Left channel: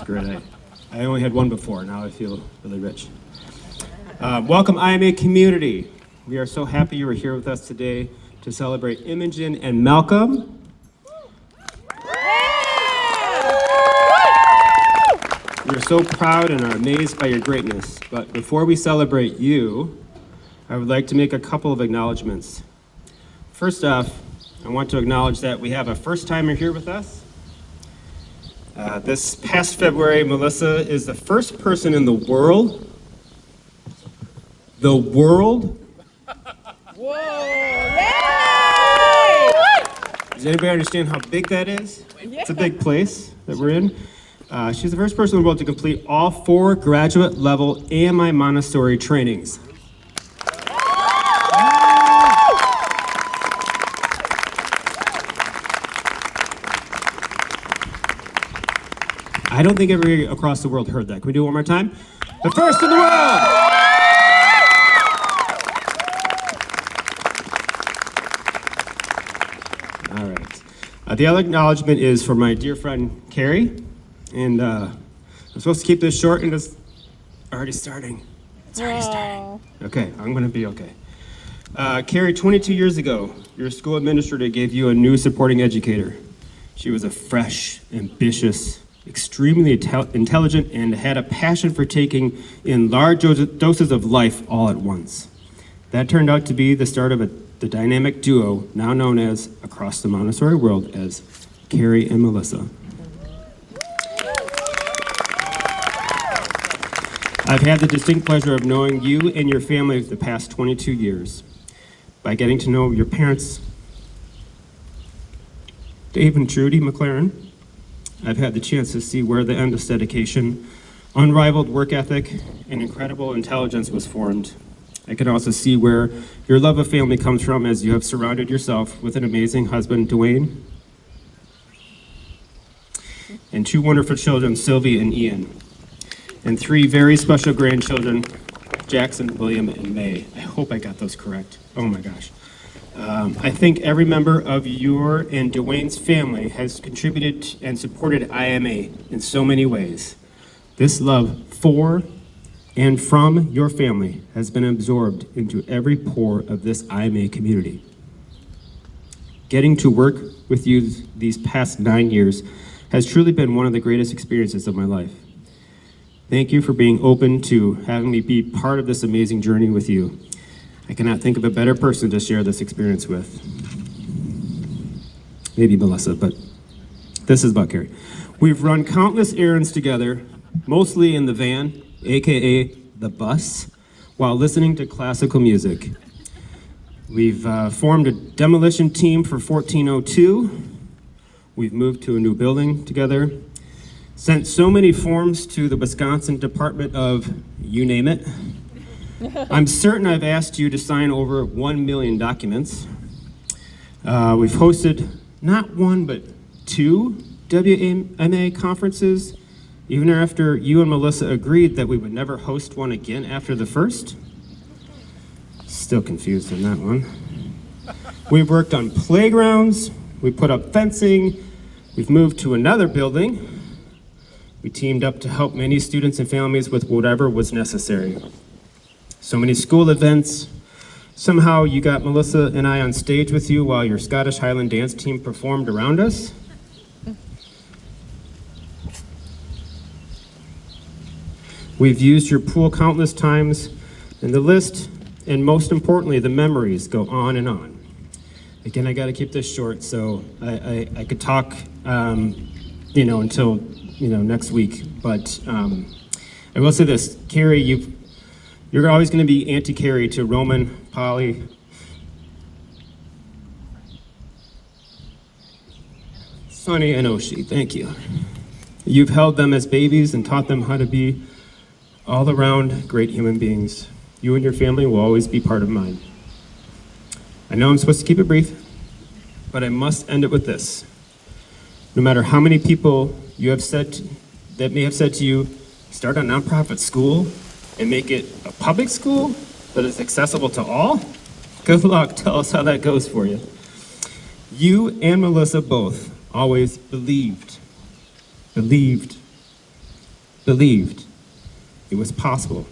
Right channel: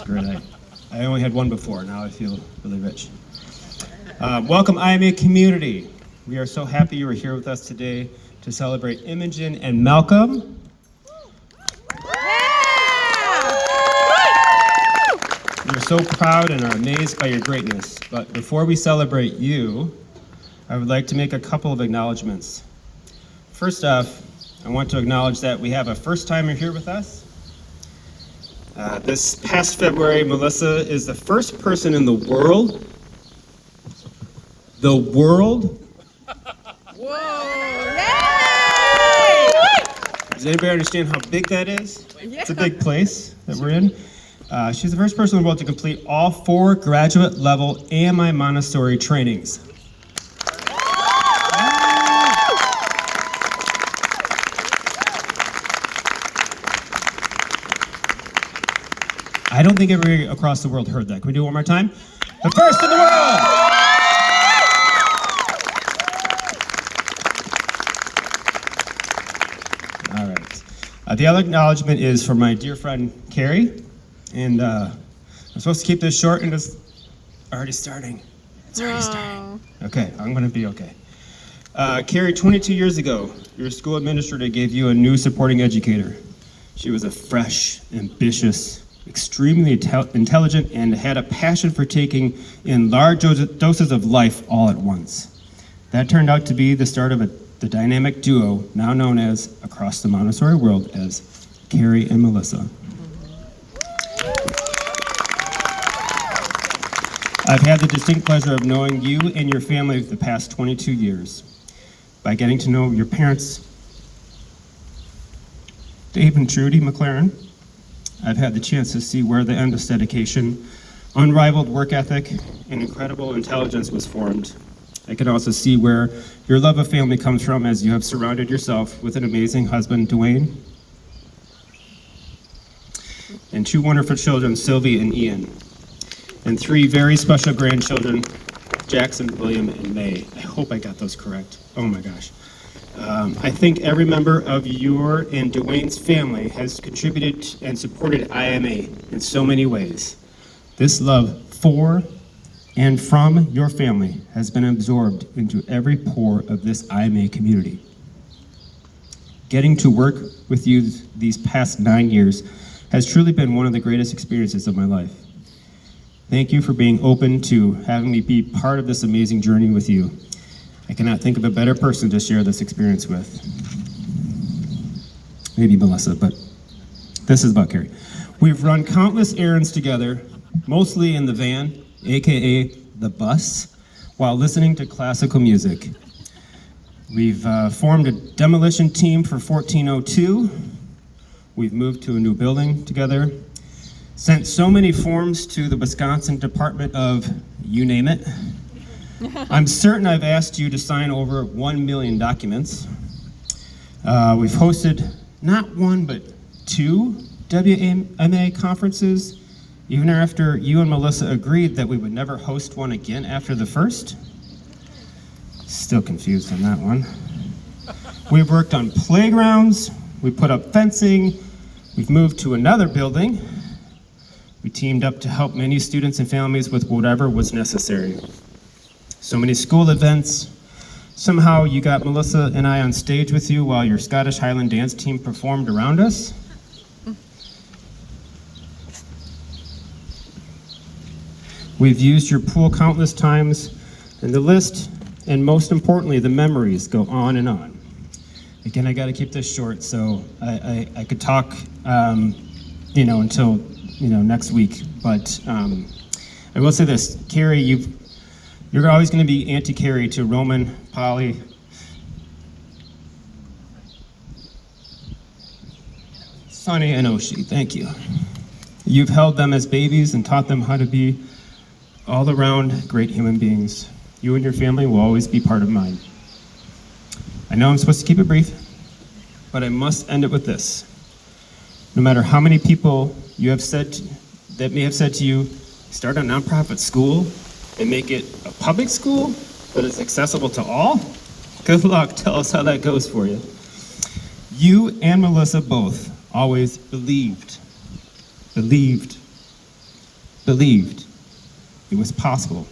is great. I only had one before. Now I feel really rich. Welcome, IMAP community. We are so happy you are here with us today to celebrate Imogen and Malcolm. We are so proud and are amazed by your greatness. But before we celebrate you, I would like to make a couple of acknowledgments. First off, I want to acknowledge that we have a first-timer here with us. This past February, Melissa is the first person in the world. Whoa! Yay! Does anybody understand how big that is? It's a big place that we're in. She's the first person in the world to complete all 4 graduate-level AMI Montessori trainings. I don't think everybody across the world heard that. Can we do it one more time? The first in the world! All right. The other acknowledgement is for my dear friend, Carrie. And I'm supposed to keep this short and it's already starting. It's already starting. Okay, I'm going to be okay. Carrie, 22 years ago, your school administrator gave you a new supporting educator. She was a fresh, ambitious, extremely intelligent, and had a passion for taking in large doses of life all at once. That turned out to be the start of the dynamic duo now known as, across the Montessori world, as Carrie and Melissa. I've had the distinct pleasure of knowing you and your family the past 22 years. By getting to know your parents, Dave and Trudy McLaren, I've had the chance to see where the endless dedication, unrivaled work ethic, and incredible intelligence was formed. I can also see where your love of family comes from as you have surrounded yourself with an amazing husband, Dwayne, and 2 wonderful children, Sylvie and Ian, and 3 very special grandchildren, Jackson, William, and May. I hope I got those correct. Oh my gosh. I think every member of your and Dwayne's family has contributed and supported IMA in so many ways. This love for and from your family has been absorbed into every pore of this IMA community. Getting to work with you these past 9 years has truly been one of the greatest experiences of my life. Thank you for being open to having me be part of this amazing journey with you. I cannot think of a better person to share this experience with. Maybe Melissa, but this is about Carrie. We've run countless errands together, mostly in the van, AKA the bus, while listening to classical music. We've formed a demolition team for 1402. We've moved to a new building together. Sent so many forms to the Wisconsin Department of you name it. I'm certain I've asked you to sign over 1 million documents. We've hosted not 1, but 2 WMA conferences, even after you and Melissa agreed that we would never host one again after the first. Still confused on that one. We've worked on playgrounds, we put up fencing, we've moved to another building. We teamed up to help many students and families with whatever was necessary. So many school events. Somehow you got Melissa and I on stage with you while your Scottish Highland dance team performed around us. We've used your pool countless times, and the list, and most importantly, the memories go on and on. Again, I gotta keep this short, so I could talk, until, next week, but I will say this, Carrie, you're always going to be Auntie Carrie to Roman, Polly, Sonny, and Oshie. Thank you. You've held them as babies and taught them how to be all-around great human beings. You and your family will always be part of mine. I know I'm supposed to keep it brief, but I must end it with this. No matter how many people you have that may have said to you, start a nonprofit school and make it a public school, but it's accessible to all? Good luck. Tell us how that goes for you. You and Melissa both always believed, believed it was possible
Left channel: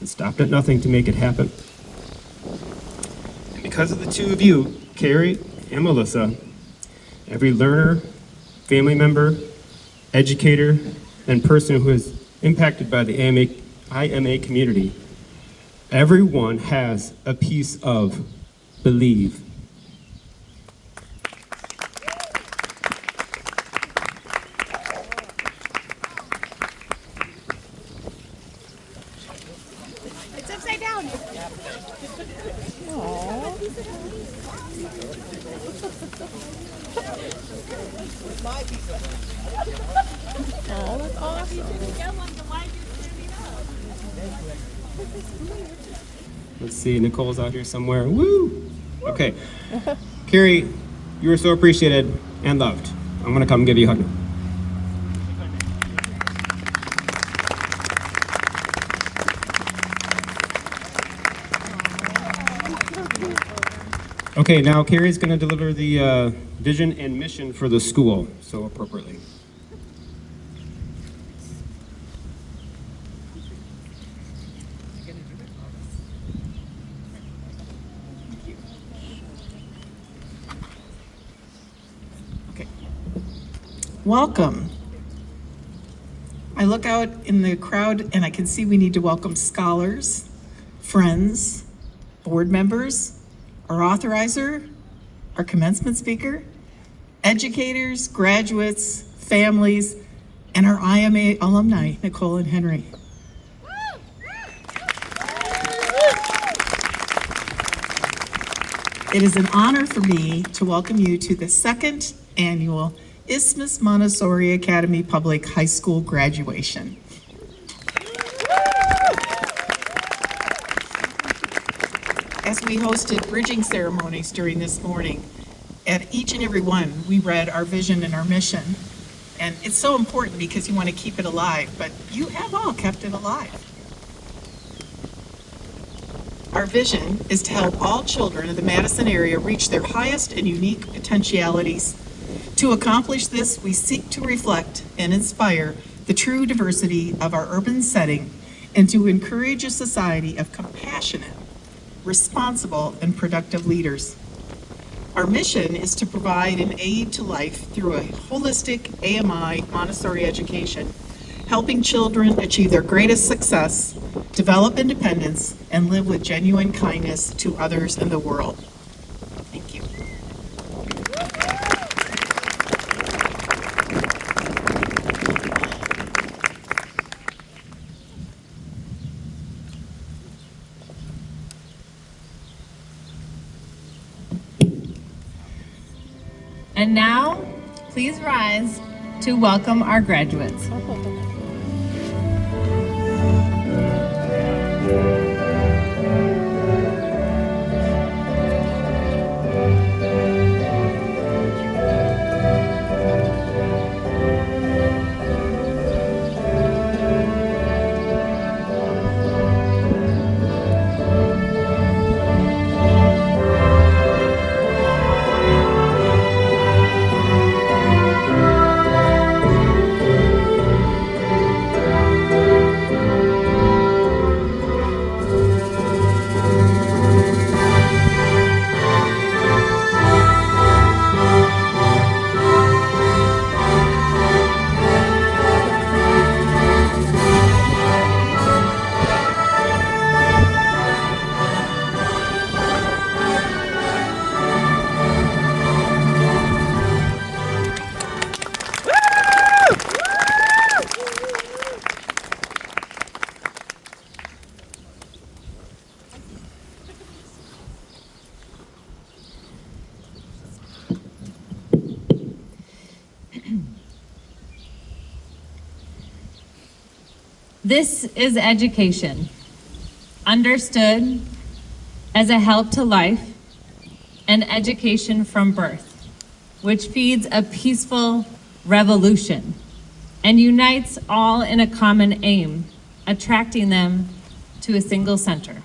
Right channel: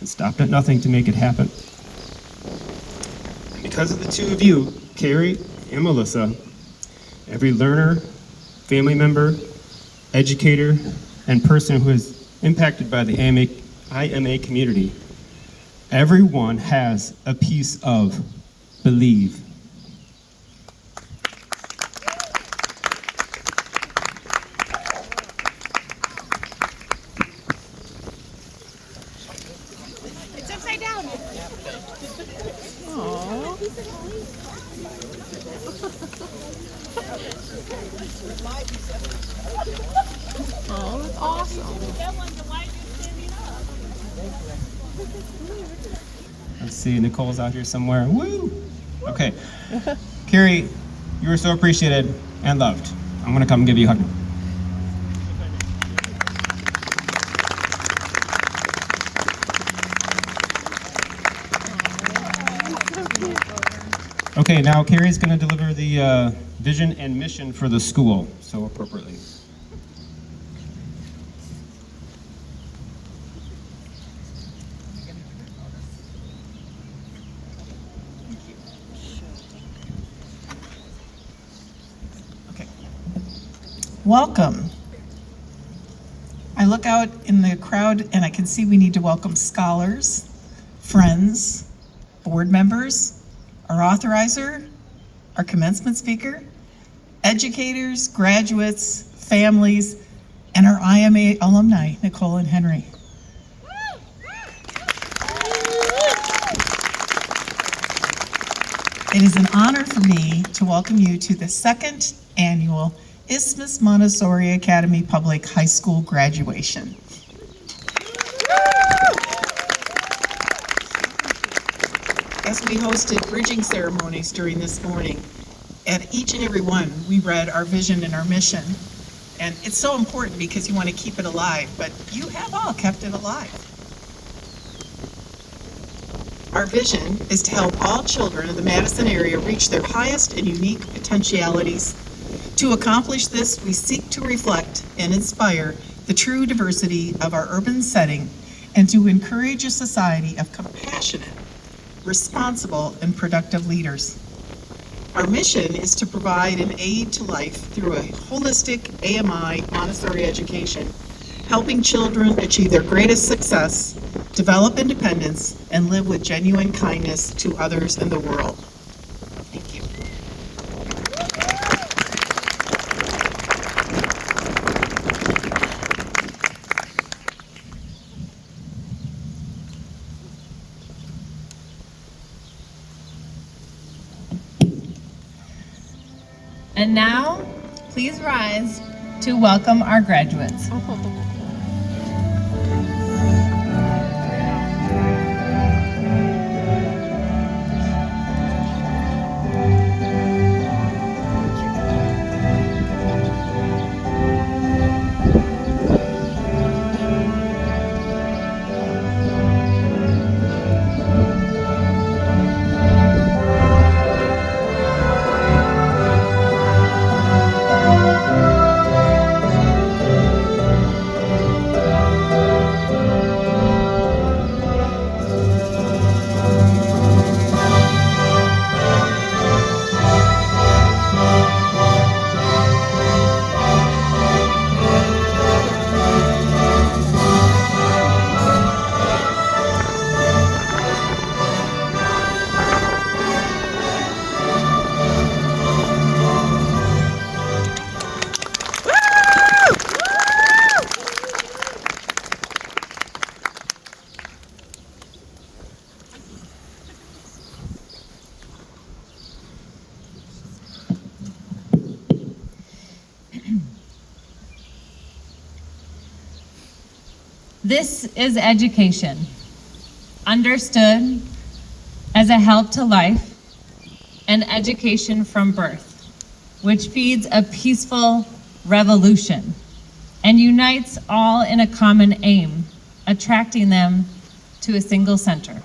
and stopped at nothing to make it happen. And because of the two of you, Carrie and Melissa, every learner, family member, educator, and person who is impacted by the IMA community, everyone has a piece of believe. It's upside down. Let's see, Nicole's out here somewhere. Woo! Okay. Carrie, you were so appreciated and loved. I'm gonna come give you a hug now. Okay, now Carrie's gonna deliver the vision and mission for the school, so appropriately. Okay. Welcome. I look out in the crowd and I can see we need to welcome scholars, friends, board members, our authorizer, our commencement speaker, educators, graduates, families, and our IMA alumni, Nicole and Henry. It is an honor for me to welcome you to the second annual Isthmus Montessori Academy Public High School graduation. As we hosted bridging ceremonies during this morning, at each and every one, we read our vision and our mission. And it's so important because you want to keep it alive, but you have all kept it alive. Our vision is to help all children in the Madison area reach their highest and unique potentialities. To accomplish this, we seek to reflect and inspire the true diversity of our urban setting and to encourage a society of compassionate, responsible, and productive leaders. Our mission is to provide an aid to life through a holistic AMI Montessori education, helping children achieve their greatest success, develop independence, and live with genuine kindness to others in the world. Thank you. And now, please rise to welcome our graduates. This is education, understood as a help to life and education from birth, which feeds a peaceful revolution and unites all in a common aim, attracting them to a single center.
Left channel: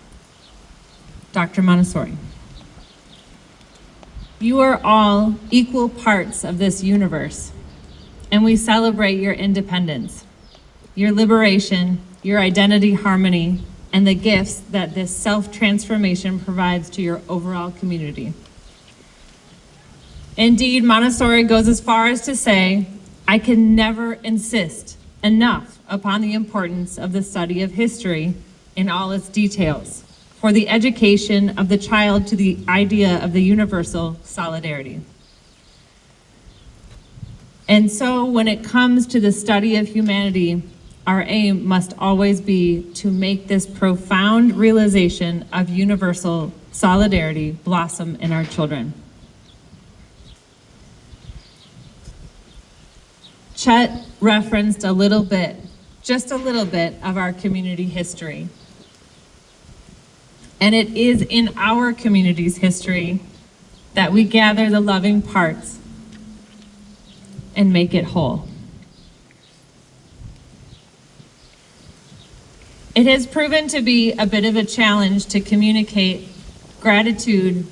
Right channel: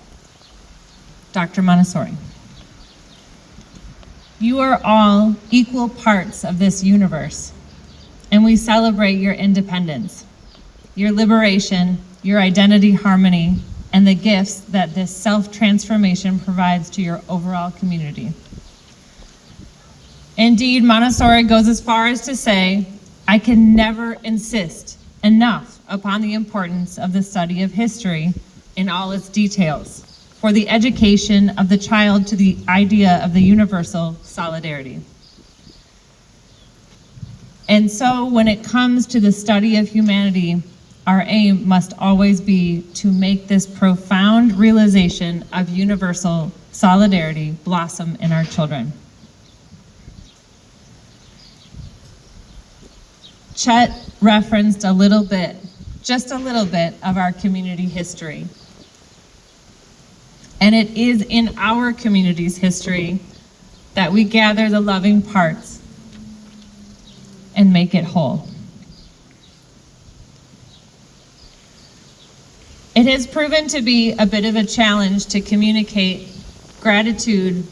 Dr. Montessori. You are all equal parts of this universe, and we celebrate your independence. your liberation, your identity harmony, and the gifts that this self-transformation provides to your overall community. Indeed, Montessori goes as far as to say, I can never insist enough upon the importance of the study of history in all its details for the education of the child to the idea of the universal solidarity. And so when it comes to the study of humanity, our aim must always be to make this profound realization of universal solidarity blossom in our children. Chet referenced a little bit, just a little bit of our community history. And it is in our community's history that we gather the loving parts and make it whole. It has proven to be a bit of a challenge to communicate gratitude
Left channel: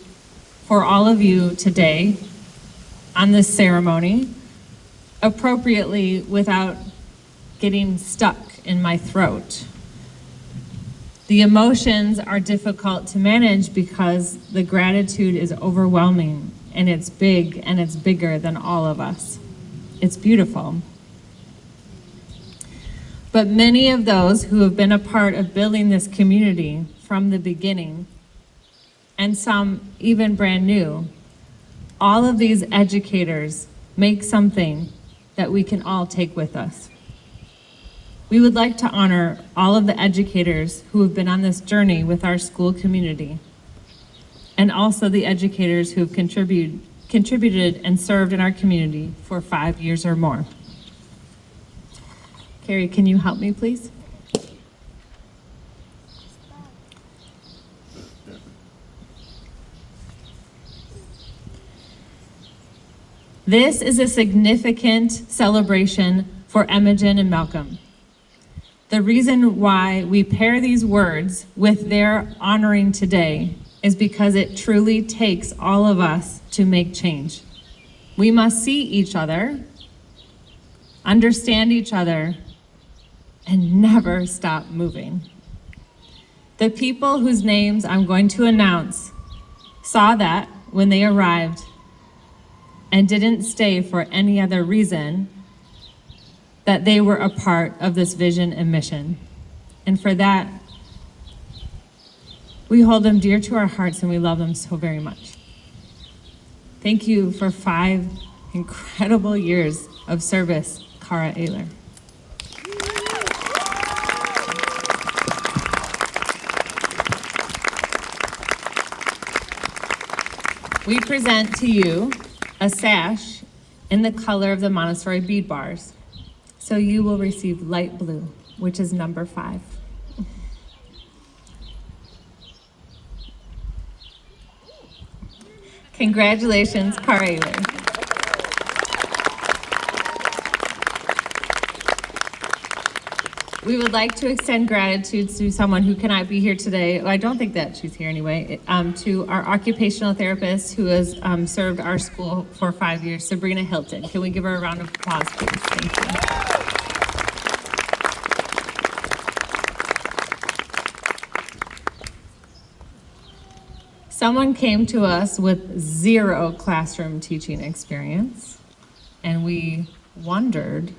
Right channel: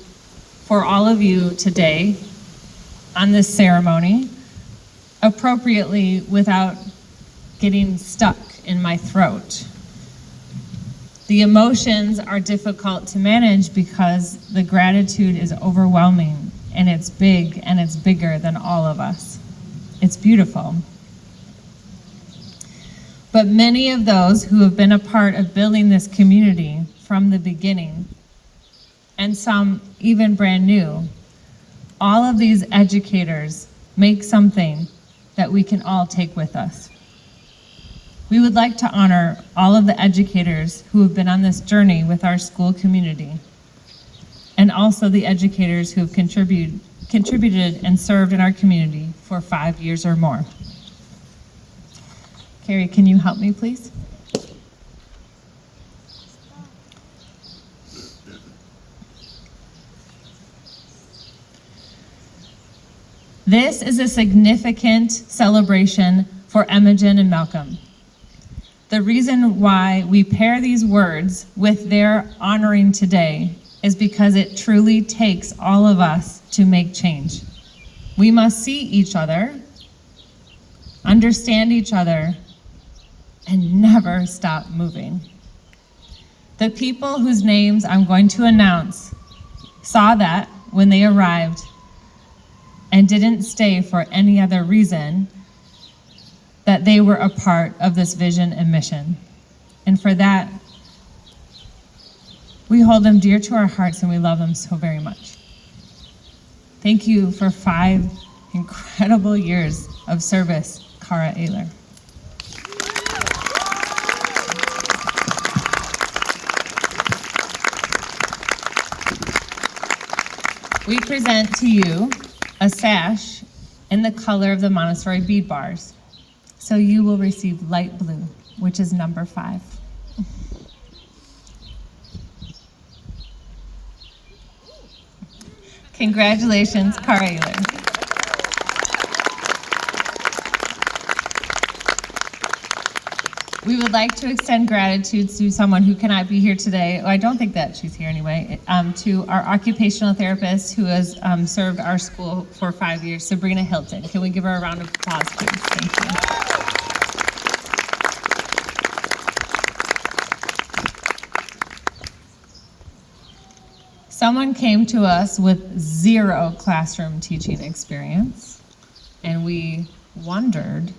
for all of you today on this ceremony appropriately without getting stuck in my throat. The emotions are difficult to manage because the gratitude is overwhelming and it's big and it's bigger than all of us. It's beautiful. But many of those who have been a part of building this community from the beginning, and some even brand new, all of these educators make something that we can all take with us. We would like to honor all of the educators who have been on this journey with our school community, and also the educators who have contributed and served in our community for 5 years or more. Carrie, can you help me, please? This is a significant celebration for Imogen and Malcolm. The reason why we pair these words with their honoring today is because it truly takes all of us to make change. We must see each other, understand each other, and never stop moving. The people whose names I'm going to announce saw that when they arrived and didn't stay for any other reason, that they were a part of this vision and mission. And for that, we hold them dear to our hearts and we love them so very much. Thank you for 5 incredible years of service, Cara Ayler. We present to you a sash in the color of the Montessori bead bars. So you will receive light blue, which is number 5. Congratulations, Cara Ayler. We would like to extend gratitude to someone who cannot be here today. Well, I don't think that she's here anyway. To our occupational therapist who has served our school for 5 years, Sabrina Hilton. Can we give her a round of applause, please? Thank you. Someone came to us with 0 classroom teaching experience, and we wondered,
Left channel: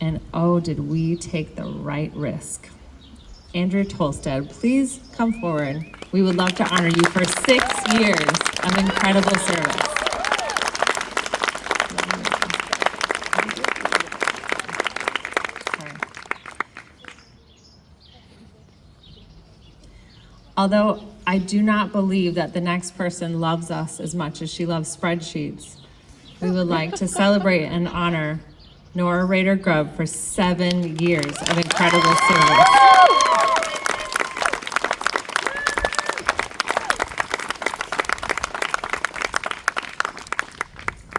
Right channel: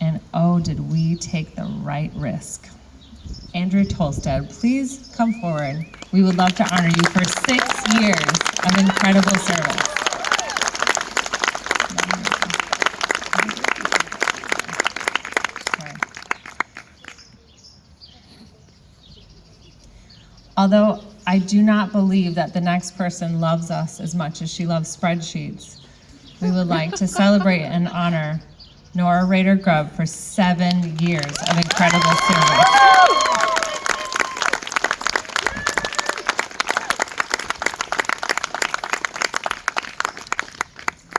and oh, did we take the right risk. Andrea Tolstead, please come forward. We would love to honor you for 6 years of incredible service. Although I do not believe that the next person loves us as much as she loves spreadsheets, we would like to celebrate and honor Nora Rader Grubb for 7 years of incredible service.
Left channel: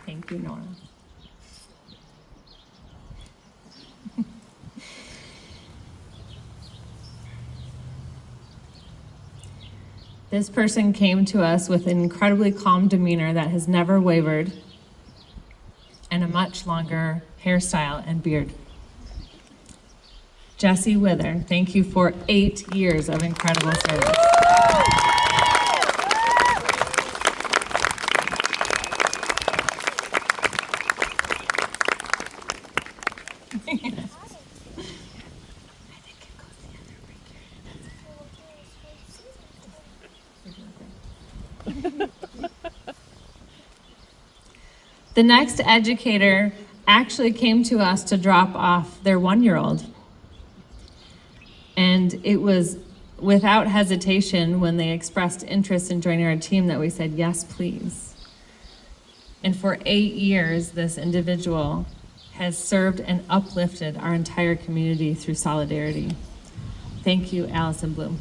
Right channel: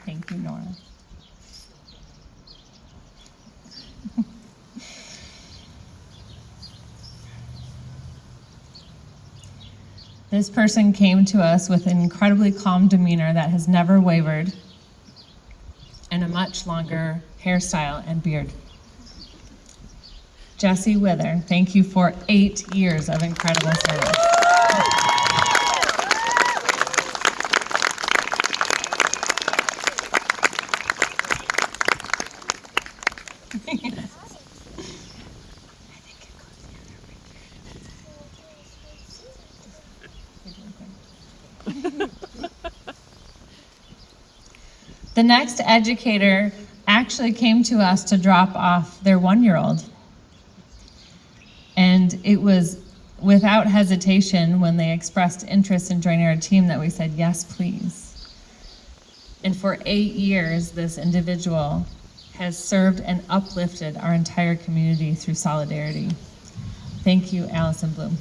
Thank you, Nora. This person came to us with an incredibly calm demeanor that has never wavered, and a much longer hairstyle and beard. Jesse Wither, thank you for 8 years of incredible service. The next educator actually came to us to drop off their 1-year-old. And it was without hesitation when they expressed interest in joining our team that we said, yes, please. And for 8 years, this individual has served and uplifted our entire community through solidarity. Thank you, Allison Bloom.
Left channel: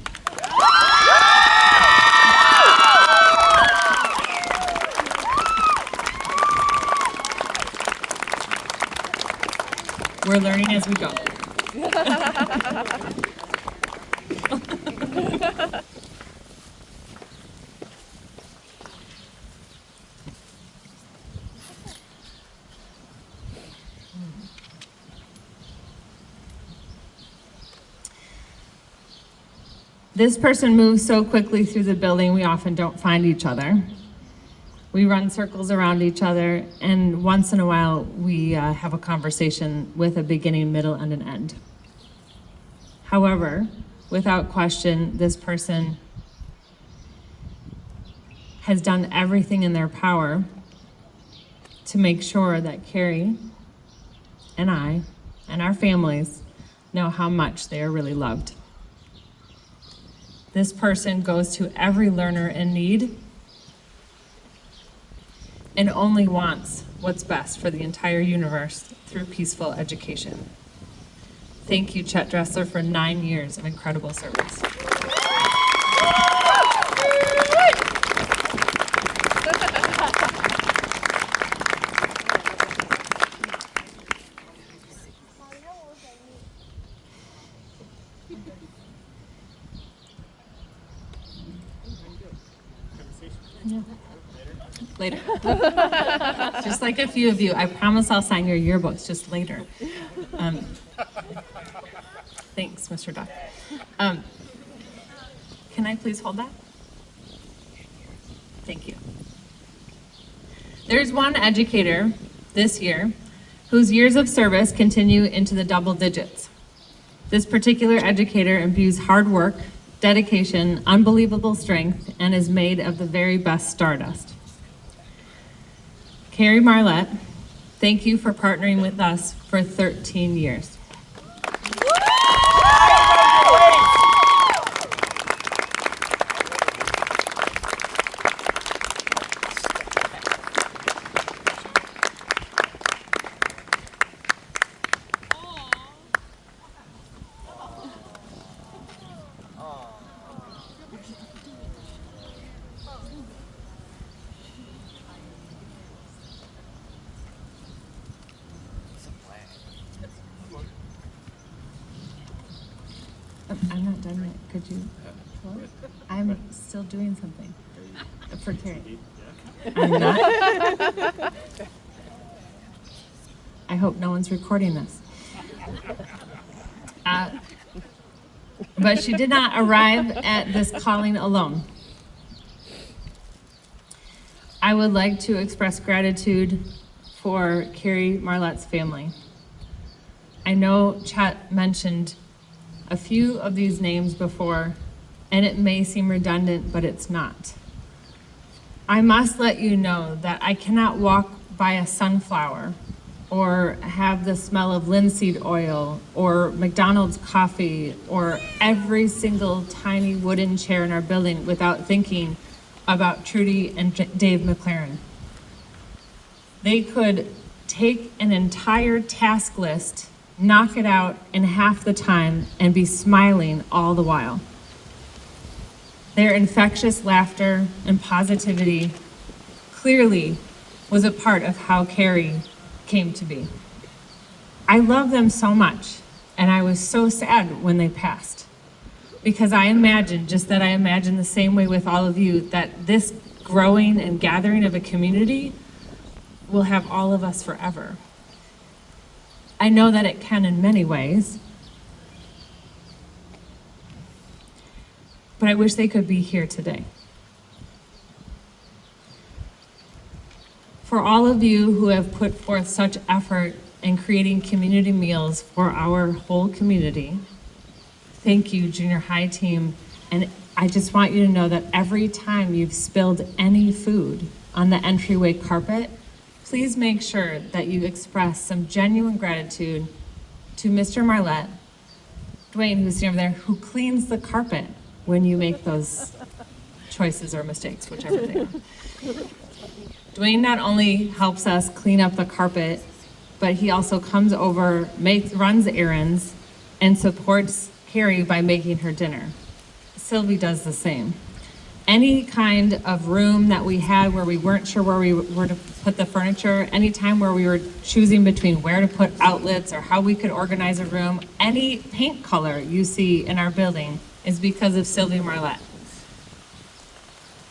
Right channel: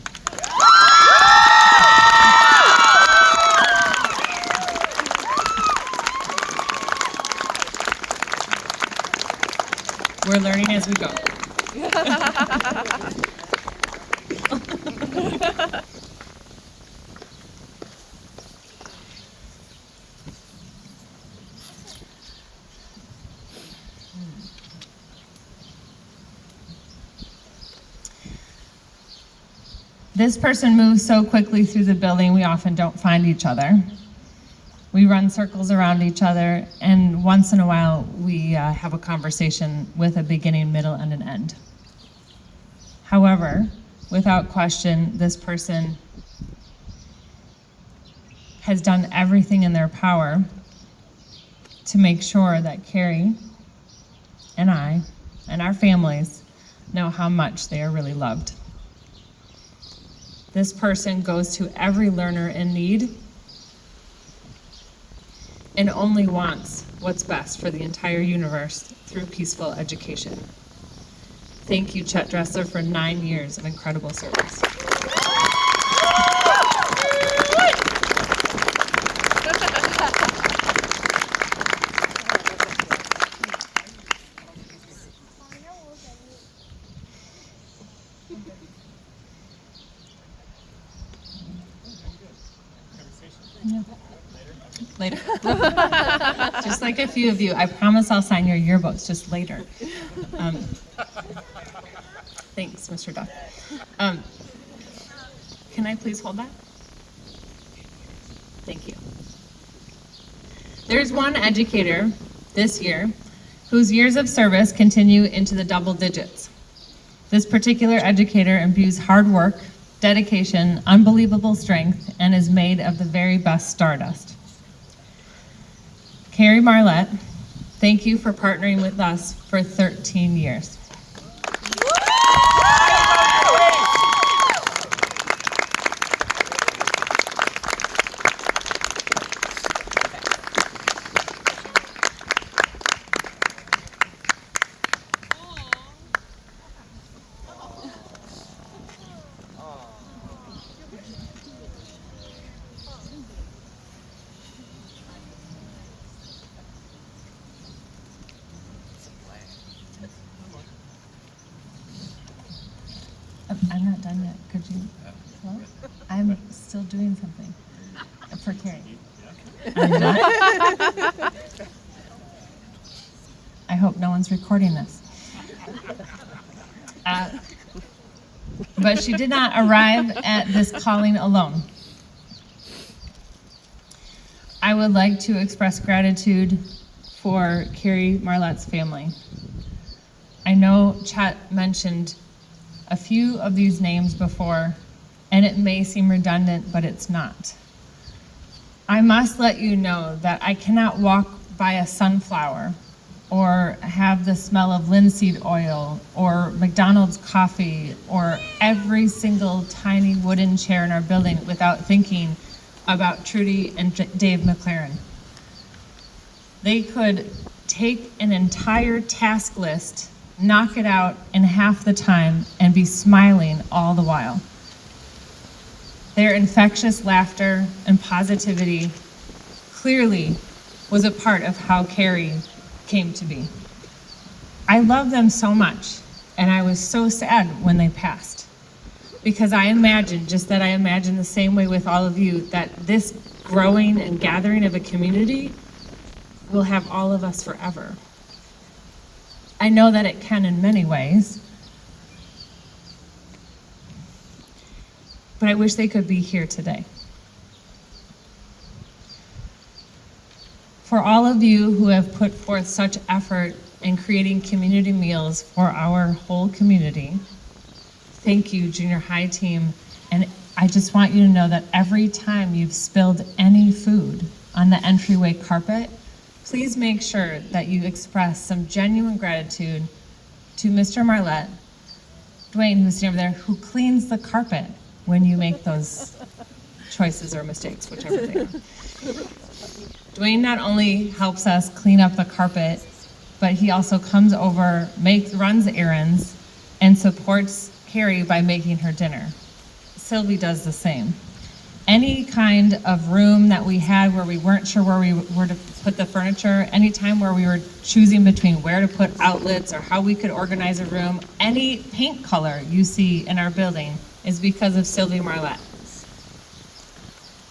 We're learning as we go. This person moves so quickly through the building, we often don't find each other. We run circles around each other, and once in a while, we have a conversation with a beginning, middle, and an end. However, without question, this person has done everything in their power to make sure that Carrie and I and our families know how much they are really loved. This person goes to every learner in need and only wants what's best for the entire universe through peaceful education. Thank you, Chet Dressler, for 9 years of incredible service. Later. Just like a few of you, I promise I'll sign your yearbooks just later. Thanks, Mr. Duck. Can I please hold that? Thank you. There's one educator this year whose years of service continue into the double digits. This particular educator imbues hard work, dedication, unbelievable strength, and is made of the very best stardust. Carrie Marlette, thank you for partnering with us for 13 years. I'm not done yet. Could you? Well, I'm still doing something for Carrie. I'm not. I hope no one's recording this. But she did not arrive at this calling alone. I would like to express gratitude for Carrie Marlette's family. I know Chet mentioned a few of these names before, and it may seem redundant, but it's not. I must let you know that I cannot walk by a sunflower or have the smell of linseed oil or McDonald's coffee or every single tiny wooden chair in our building without thinking about Trudy and Dave McLaren. They could take an entire task list, knock it out in half the time, and be smiling all the while. Their infectious laughter and positivity clearly was a part of how Carrie came to be. I love them so much, and I was so sad when they passed, because I imagine the same way with all of you, that this growing and gathering of a community will have all of us forever. I know that it can in many ways, but I wish they could be here today. For all of you who have put forth such effort in creating community meals for our whole community, thank you, junior high team. And I just want you to know that every time you've spilled any food on the entryway carpet, please make sure that you express some genuine gratitude to Mr. Marlette, Dwayne, who's over there, who cleans the carpet when you make those choices or mistakes, whichever they are. Dwayne not only helps us clean up the carpet, but he also comes over, runs errands, and supports Carrie by making her dinner. Sylvie does the same. Any kind of room that we had where we weren't sure where we were to put the furniture, any time where we were choosing between where to put outlets or how we could organize a room, any paint color you see in our building is because of Sylvie Marlette.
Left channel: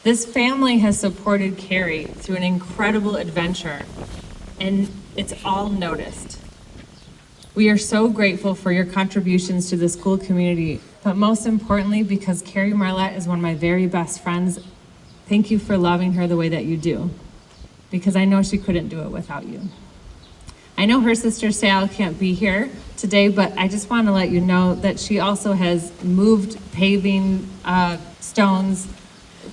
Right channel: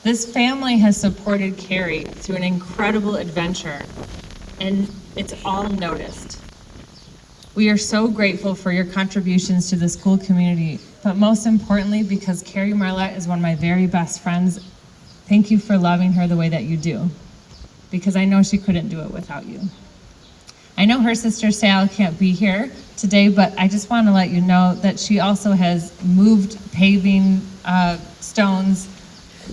This family has supported Carrie through an incredible adventure, and it's all noticed. We are so grateful for your contributions to the school community, but most importantly, because Carrie Marlette is one of my very best friends, thank you for loving her the way that you do, because I know she couldn't do it without you. I know her sister Sal can't be here today, but I just want to let you know that she also has moved paving stones,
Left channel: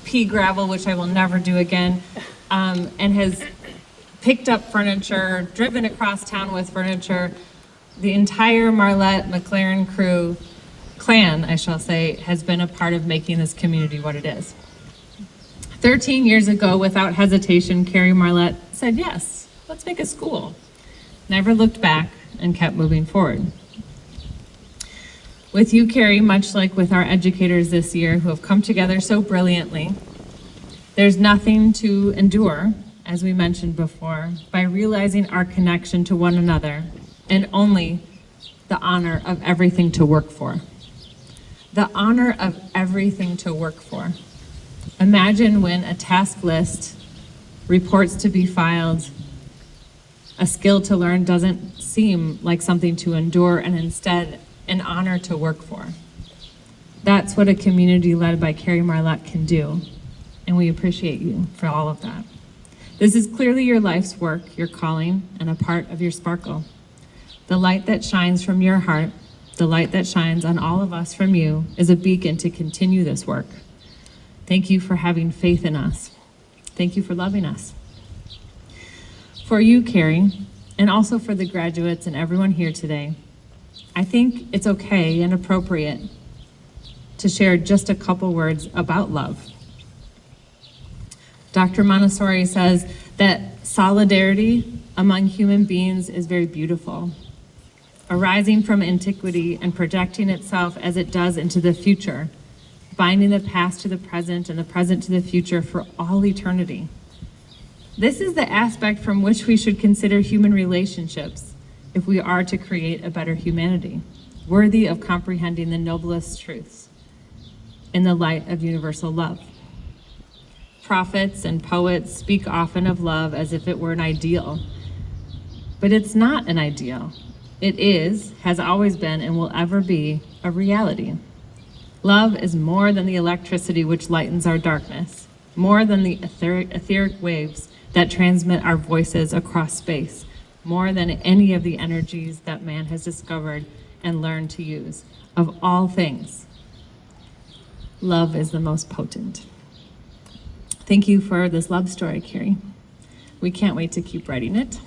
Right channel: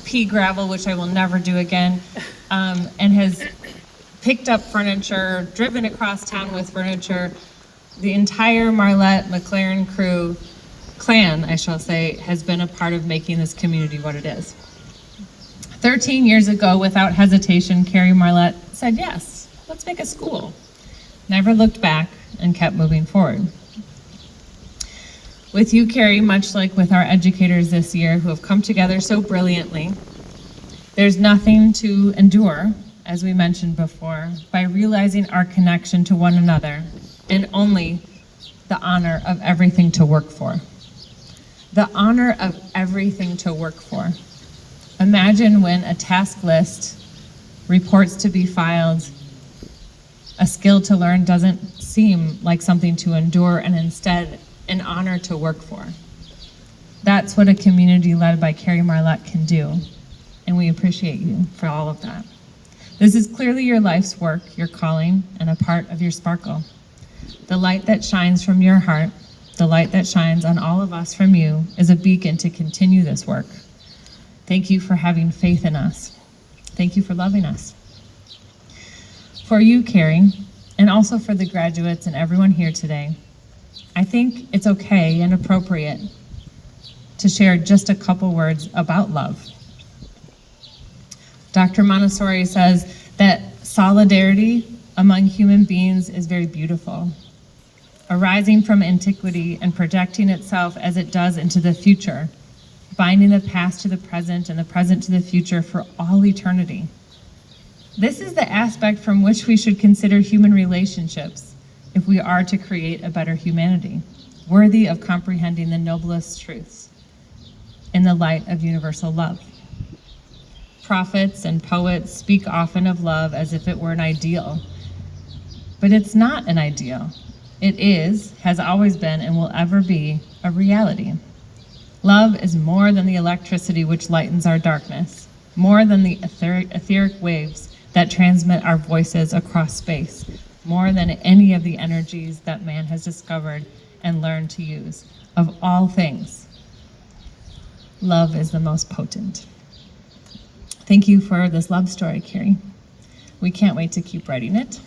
pea gravel, which I will never do again, and has picked up furniture, driven across town with furniture. The entire Marlette McLaren clan, I shall say, has been a part of making this community what it is. 13 years ago, without hesitation, Carrie Marlette said, yes, let's make a school. Never looked back and kept moving forward. With you, Carrie, much like with our educators this year who have come together so brilliantly, there's nothing to endure, as we mentioned before, by realizing our connection to one another and only the honor of everything to work for. The honor of everything to work for. Imagine when a task list, reports to be filed, a skill to learn doesn't seem like something to endure and instead an honor to work for. That's what a community led by Carrie Marlette can do, and we appreciate you for all of that. This is clearly your life's work, your calling, and a part of your sparkle. The light that shines from your heart, the light that shines on all of us from you, is a beacon to continue this work. Thank you for having faith in us. Thank you for loving us. For you, Carrie, and also for the graduates and everyone here today, I think it's okay and appropriate to share just a couple words about love. Dr. Montessori says that solidarity among human beings is very beautiful, arising from antiquity and projecting itself as it does into the future, binding the past to the present and the present to the future for all eternity. This is the aspect from which we should consider human relationships if we are to create a better humanity, worthy of comprehending the noblest truths in the light of universal love. Prophets and poets speak often of love as if it were an ideal, but it's not an ideal. It is, has always been, and will ever be a reality. Love is more than the electricity which lightens our darkness, more than the etheric waves that transmit our voices across space, more than any of the energies that man has discovered and learned to use. Of all things, love is the most potent. Thank you for this love story, Carrie. We can't wait to keep writing it.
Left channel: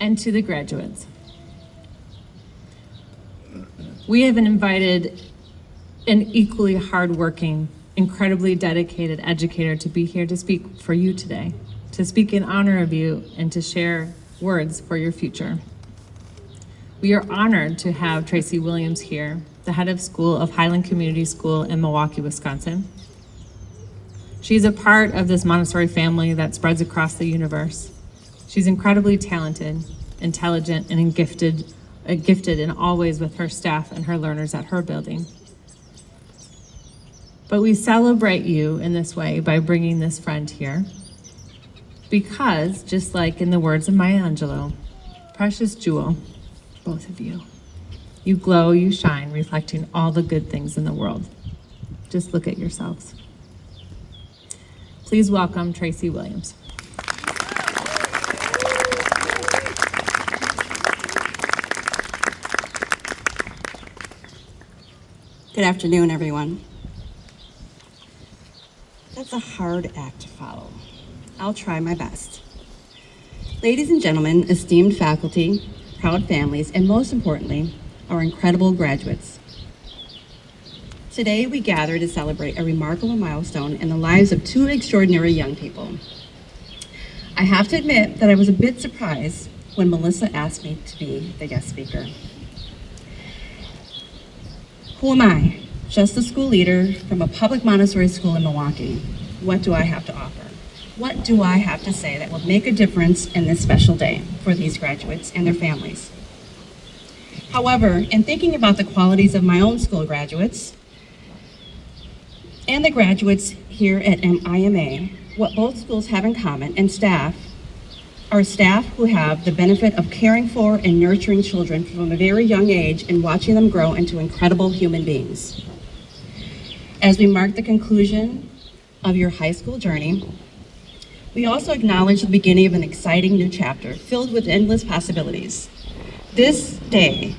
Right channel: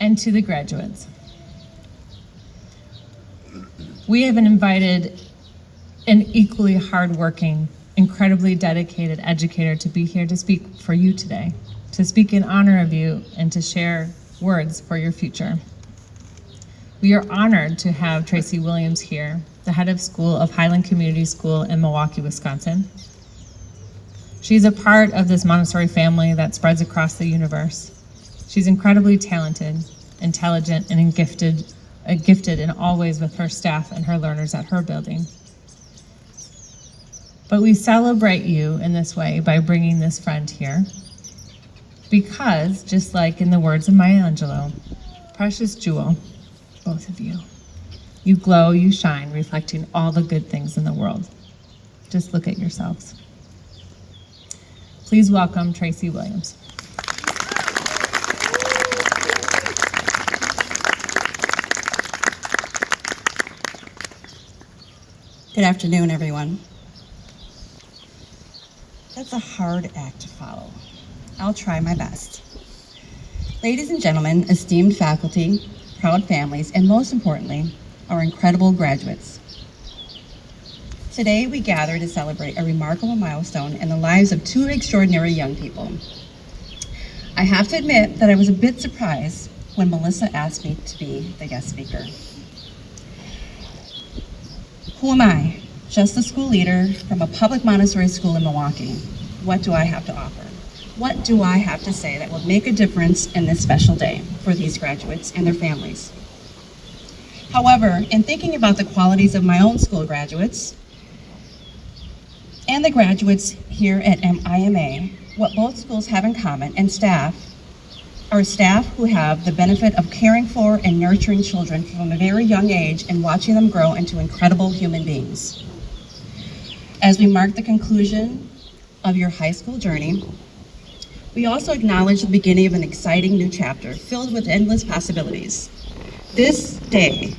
And to the graduates, we have invited an equally hardworking, incredibly dedicated educator to be here to speak for you today, to speak in honor of you and to share words for your future. We are honored to have Tracy Williams here, the head of school of Highland Community School in Milwaukee, Wisconsin. She's a part of this Montessori family that spreads across the universe. She's incredibly talented, intelligent, and gifted in all ways with her staff and her learners at her building. But we celebrate you in this way by bringing this friend here because, just like in the words of Maya Angelou, precious jewel, both of you. You glow, you shine, reflecting all the good things in the world. Just look at yourselves. Please welcome Tracy Williams. Good afternoon, everyone. That's a hard act to follow. I'll try my best. Ladies and gentlemen, esteemed faculty, proud families, and most importantly, our incredible graduates. Today we gather to celebrate a remarkable milestone in the lives of two extraordinary young people. I have to admit that I was a bit surprised when Melissa asked me to be the guest speaker. Who am I? Just a school leader from a public Montessori school in Milwaukee. What do I have to offer? What do I have to say that will make a difference in this special day for these graduates and their families? However, in thinking about the qualities of my own school graduates and the graduates here at IMA, what both schools have in common, and staff, are staff who have the benefit of caring for and nurturing children from a very young age and watching them grow into incredible human beings. As we mark the conclusion of your high school journey, we also acknowledge the beginning of an exciting new chapter filled with endless possibilities. This day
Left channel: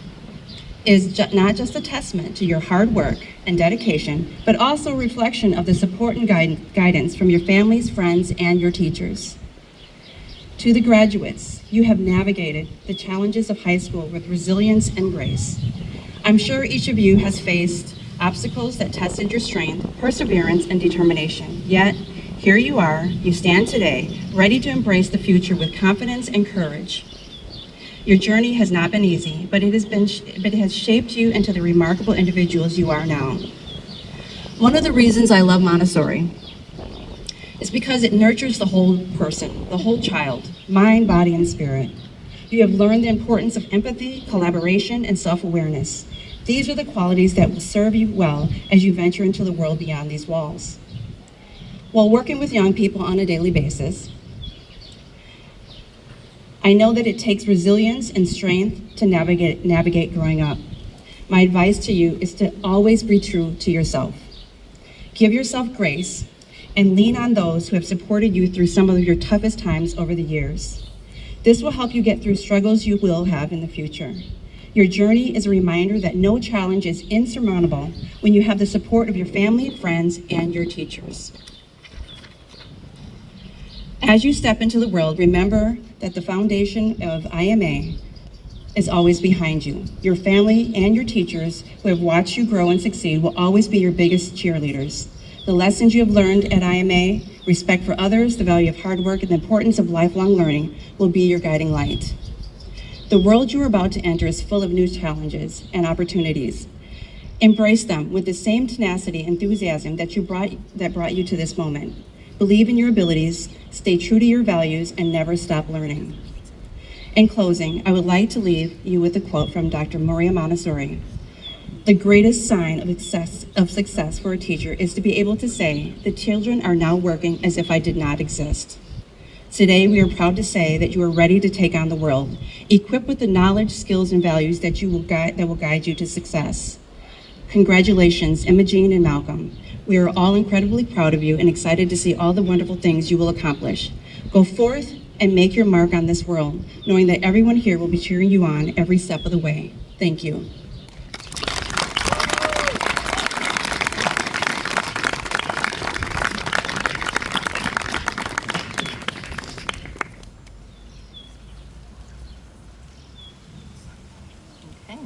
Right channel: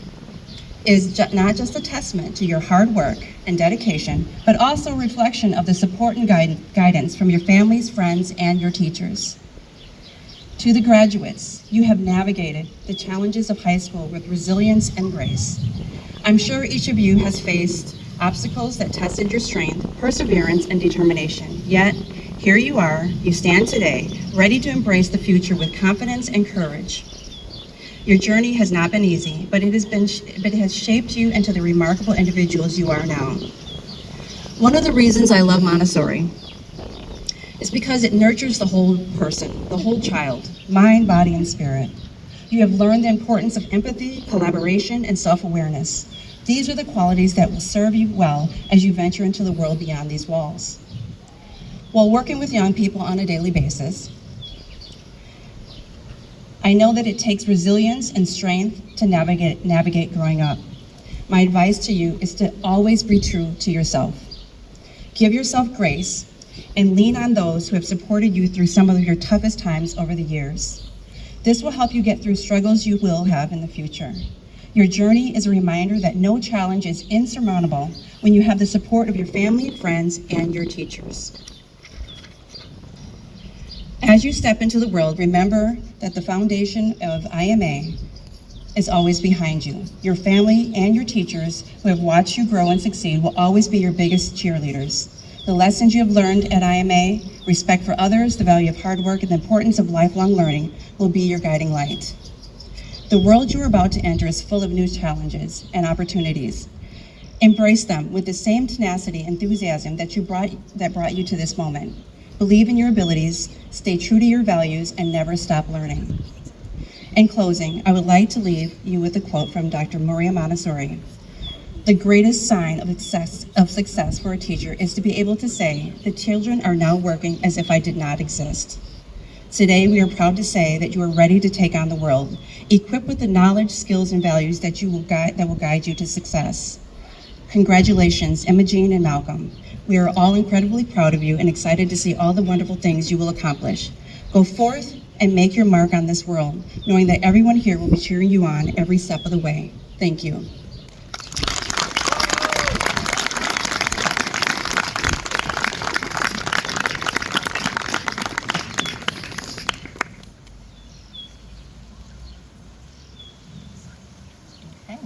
is not just a testament to your hard work and dedication, but also a reflection of the support and guidance from your families, friends, and your teachers. To the graduates, you have navigated the challenges of high school with resilience and grace. I'm sure each of you has faced obstacles that tested your strength, perseverance, and determination. Yet, here you are, you stand today, ready to embrace the future with confidence and courage. Your journey has not been easy, but it has shaped you into the remarkable individuals you are now. One of the reasons I love Montessori is because it nurtures the whole person, the whole child, mind, body, and spirit. You have learned the importance of empathy, collaboration, and self-awareness. These are the qualities that will serve you well as you venture into the world beyond these walls. While working with young people on a daily basis, I know that it takes resilience and strength to navigate growing up. My advice to you is to always be true to yourself. Give yourself grace and lean on those who have supported you through some of your toughest times over the years. This will help you get through struggles you will have in the future. Your journey is a reminder that no challenge is insurmountable when you have the support of your family, friends, and your teachers. As you step into the world, remember that the foundation of IMA is always behind you. Your family and your teachers who have watched you grow and succeed will always be your biggest cheerleaders. The lessons you have learned at IMA, respect for others, the value of hard work, and the importance of lifelong learning will be your guiding light. The world you are about to enter is full of new challenges and opportunities. Embrace them with the same tenacity and enthusiasm that brought you to this moment. Believe in your abilities, stay true to your values, and never stop learning. In closing, I would like to leave you with a quote from Dr. Maria Montessori. The greatest sign of success for a teacher is to be able to say, the children are now working as if I did not exist. Today, we are proud to say that you are ready to take on the world, equipped with the knowledge, skills, and values that will guide you to success. Congratulations, Imogene and Malcolm. We are all incredibly proud of you and excited to see all the wonderful things you will accomplish. Go forth and make your mark on this world, knowing that everyone here will be cheering you on every step of the way. Thank you. Okay.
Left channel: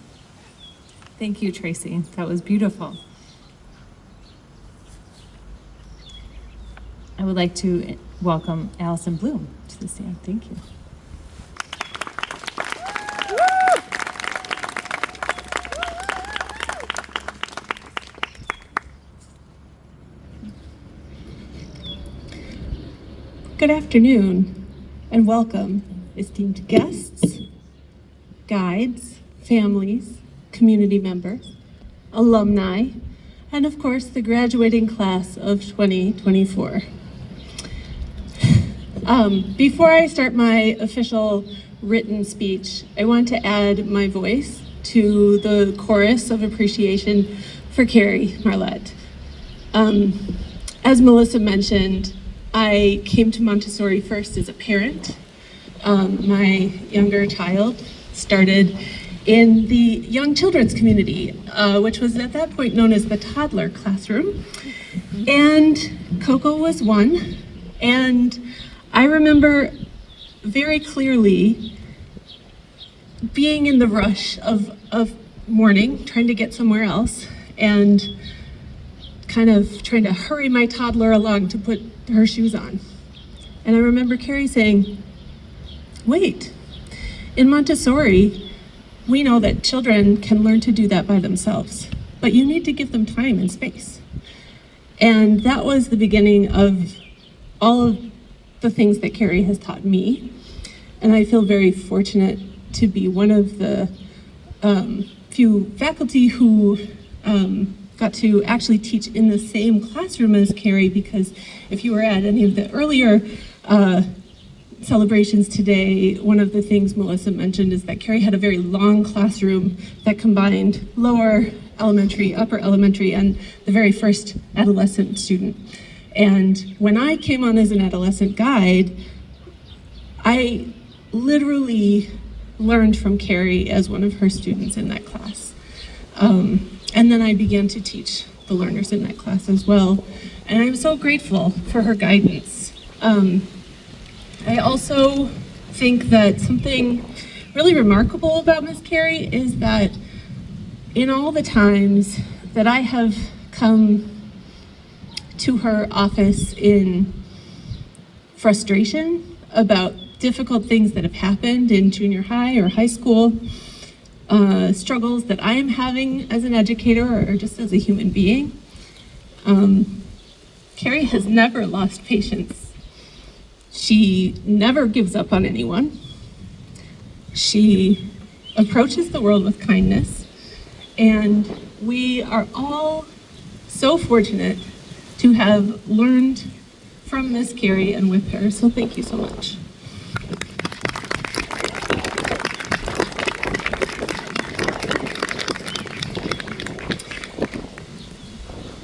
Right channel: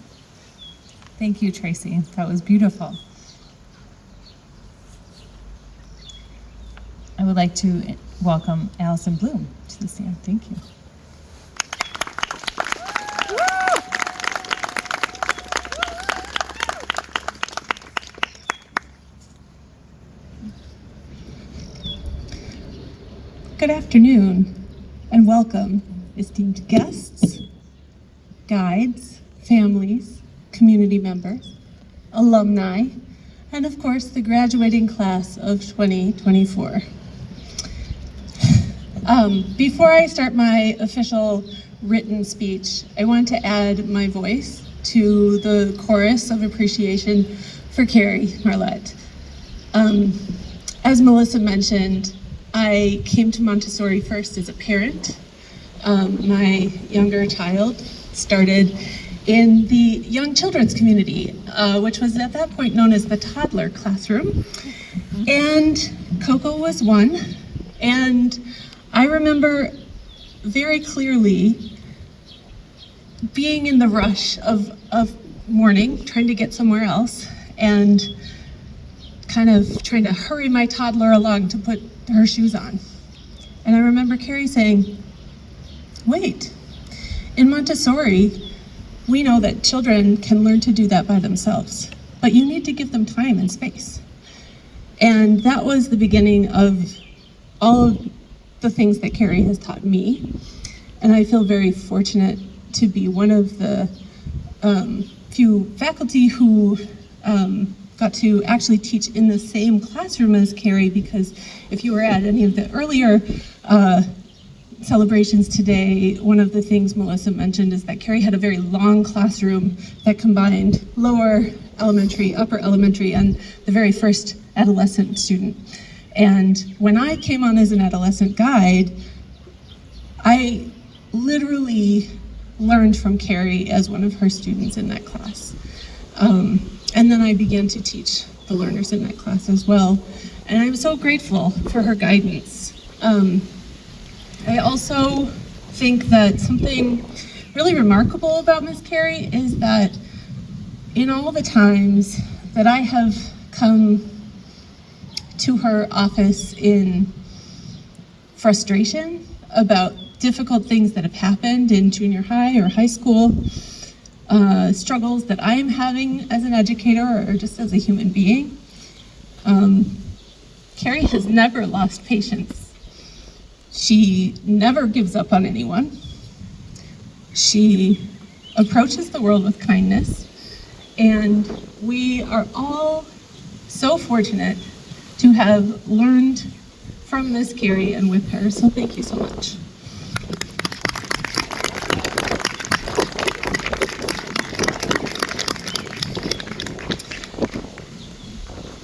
Thank you, Tracy. That was beautiful. I would like to welcome Allison Bloom to the stand. Thank you. Good afternoon and welcome, esteemed guests, guides, families, community members, alumni, and of course the graduating class of 2024. Before I start my official written speech, I want to add my voice to the chorus of appreciation for Carrie Marlette. As Melissa mentioned, I came to Montessori first as a parent. My younger child started in the young children's community, which was at that point known as the toddler classroom. And Coco was one. And I remember very clearly being in the rush of morning, trying to get somewhere else, and kind of trying to hurry my toddler along to put her shoes on. And I remember Carrie saying, wait, in Montessori, we know that children can learn to do that by themselves, but you need to give them time and space. And that was the beginning of all of the things that Carrie has taught me. And I feel very fortunate to be one of the few faculty who got to actually teach in the same classroom as Carrie, because if you were at any of the earlier celebrations today, one of the things Melissa mentioned is that Carrie had a very long classroom that combined lower elementary, upper elementary, and the very first adolescent student. And when I came on as an adolescent guide, I literally learned from Carrie as one of her students in that class. And then I began to teach the learners in that class as well. And I'm so grateful for her guidance. I also think that something really remarkable about Miss Carrie is that in all the times that I have come to her office in frustration about difficult things that have happened in junior high or high school, struggles that I am having as an educator or just as a human being, Carrie has never lost patience. She never gives up on anyone. She approaches the world with kindness, and we are all so fortunate to have learned from Miss Carrie and with her, so thank you so much.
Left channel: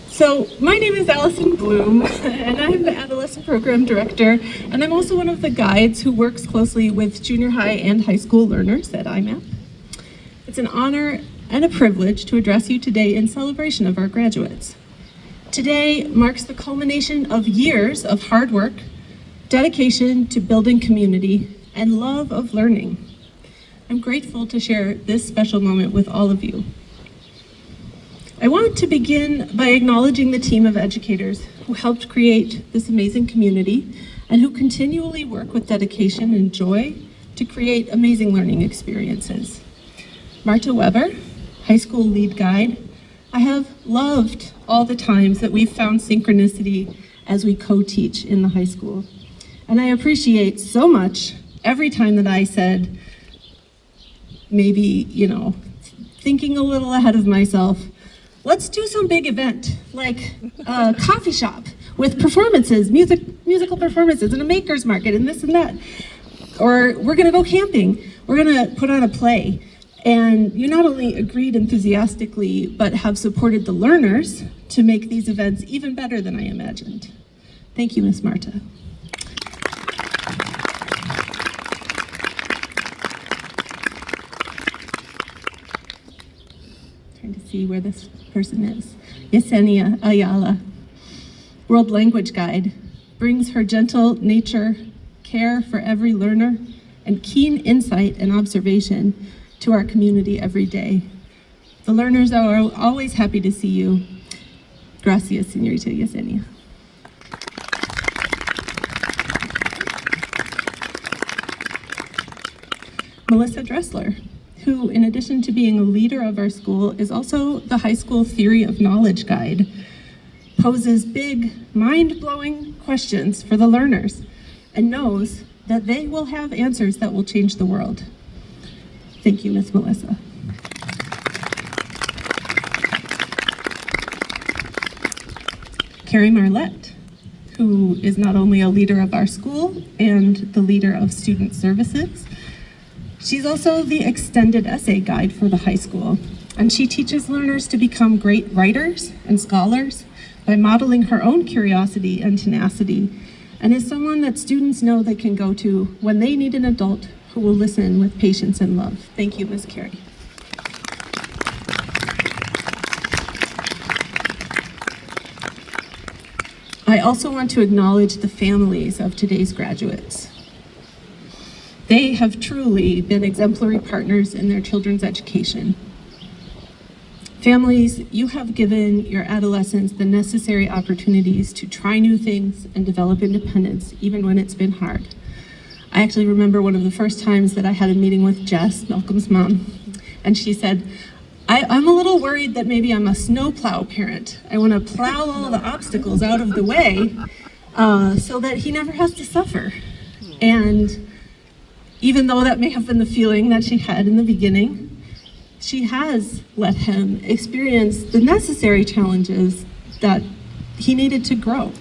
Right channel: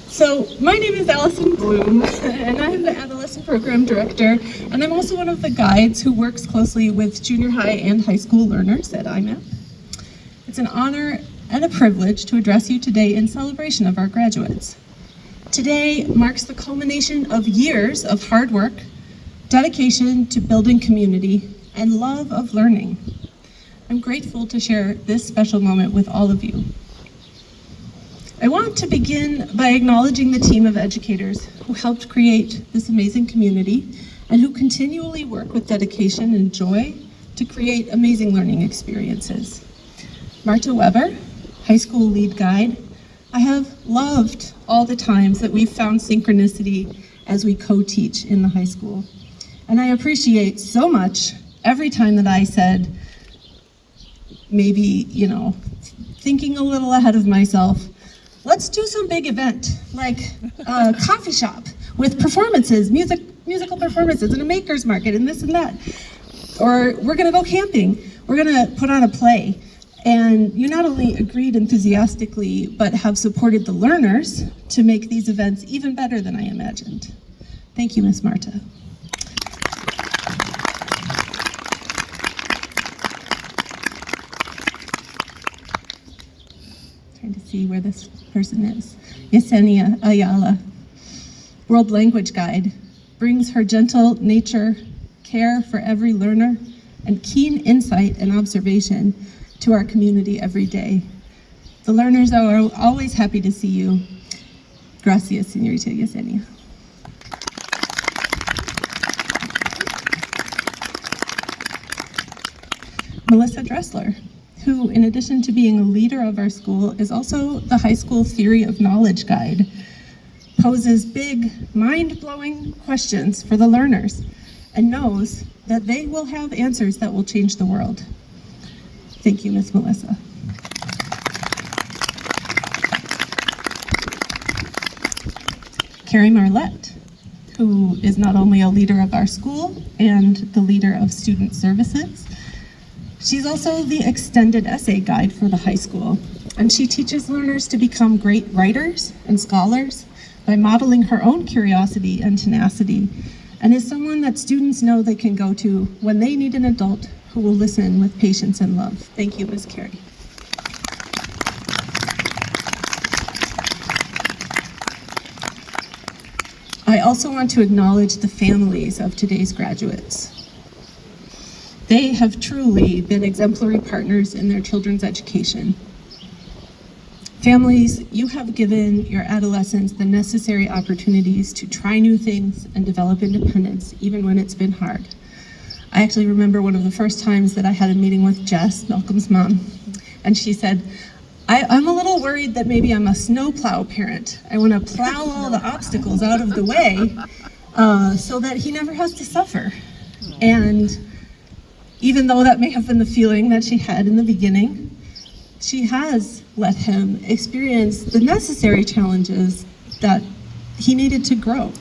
So my name is Allison Bloom, and I'm the Adolescent Program Director, and I'm also one of the guides who works closely with junior high and high school learners at IMAP. It's an honor and a privilege to address you today in celebration of our graduates. Today marks the culmination of years of hard work, dedication to building community, and love of learning. I'm grateful to share this special moment with all of you. I want to begin by acknowledging the team of educators who helped create this amazing community and who continually work with dedication and joy to create amazing learning experiences. Marta Weber, high school lead guide, I have loved all the times that we've found synchronicity as we co-teach in the high school. And I appreciate so much every time that I said, maybe, thinking a little ahead of myself, let's do some big event, like a coffee shop with performances, musical performances, and a maker's market, and this and that. Or we're gonna go camping, we're gonna put on a play. And you not only agreed enthusiastically, but have supported the learners to make these events even better than I imagined. Thank you, Ms. Marta. Trying to see where this person is. Yesenia Ayala, World Language Guide, brings her gentle nature, care for every learner, and keen insight and observation to our community every day. The learners are always happy to see you. Gracias, Señorita Yesenia. Melissa Dressler, who, in addition to being a leader of our school, is also the high school theory of knowledge guide, poses big, mind-blowing questions for the learners and knows that they will have answers that will change the world. Thank you, Ms. Melissa. Carrie Marlette, who is not only a leader of our school and the leader of student services, She's also the extended essay guide for the high school, and she teaches learners to become great writers and scholars by modeling her own curiosity and tenacity, and is someone that students know they can go to when they need an adult who will listen with patience and love. Thank you, Ms. Carey. I also want to acknowledge the families of today's graduates. They have truly been exemplary partners in their children's education. Families, you have given your adolescents the necessary opportunities to try new things and develop independence, even when it's been hard. I actually remember one of the first times that I had a meeting with Jess, Malcolm's mom, and she said, I'm a little worried that maybe I'm a snowplow parent. I want to plow all the obstacles out of the way so that he never has to suffer. And even though that may have been the feeling that she had in the beginning, she has let him experience the necessary challenges that he needed to grow.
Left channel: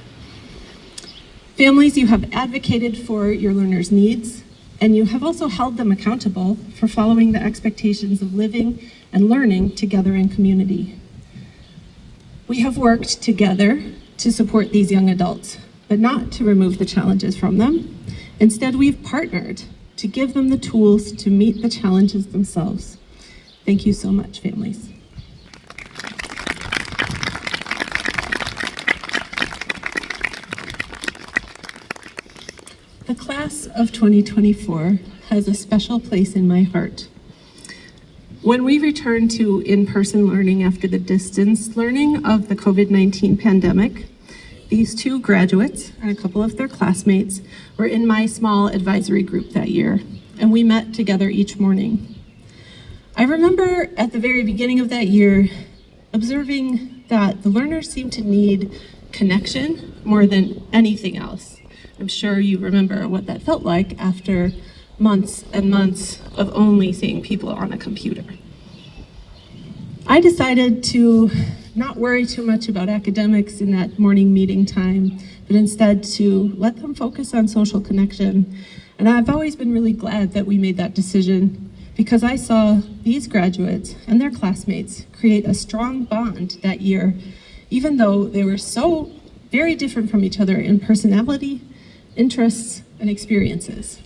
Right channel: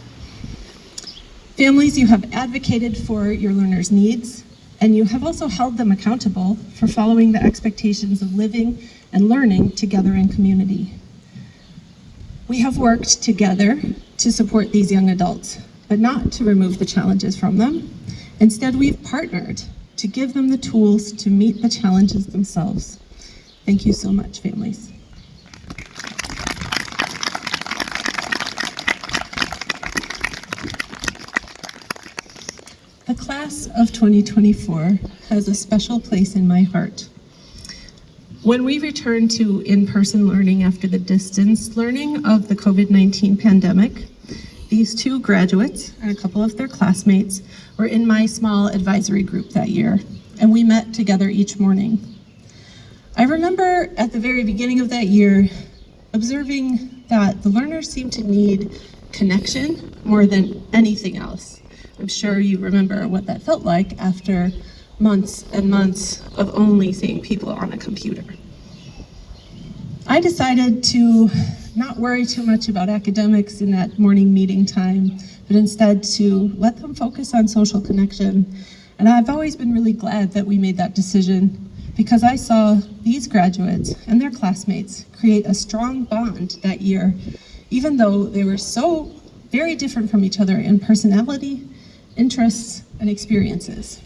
Families, you have advocated for your learners' needs, and you have also held them accountable for following the expectations of living and learning together in community. We have worked together to support these young adults, but not to remove the challenges from them. Instead, we've partnered to give them the tools to meet the challenges themselves. Thank you so much, families. The class of 2024 has a special place in my heart. When we return to in-person learning after the distance learning of the COVID-19 pandemic, these two graduates and a couple of their classmates were in my small advisory group that year, and we met together each morning. I remember at the very beginning of that year observing that the learners seemed to need connection more than anything else. I'm sure you remember what that felt like after months and months of only seeing people on a computer. I decided to not worry too much about academics in that morning meeting time, but instead to let them focus on social connection. And I've always been really glad that we made that decision, because I saw these graduates and their classmates create a strong bond that year, even though they were so very different from each other in personality, interests, and experiences.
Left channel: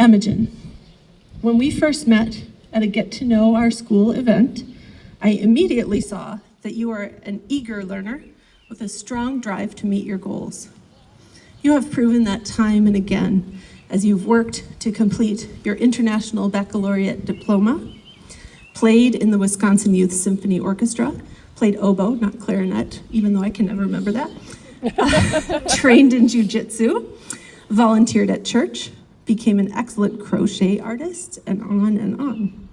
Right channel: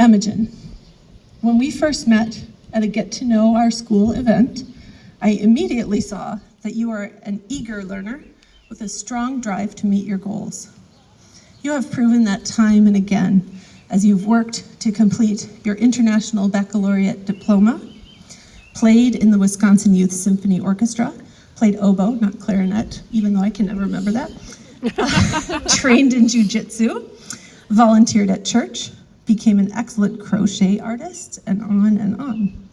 Imogen, when we first met at a Get to Know Our School event, I immediately saw that you are an eager learner with a strong drive to meet your goals. You have proven that time and again as you've worked to complete your International Baccalaureate diploma, played in the Wisconsin Youth Symphony Orchestra, played oboe, not clarinet, even though I can never remember that, trained in jiu-jitsu, volunteered at church, became an excellent crochet artist, and on and on.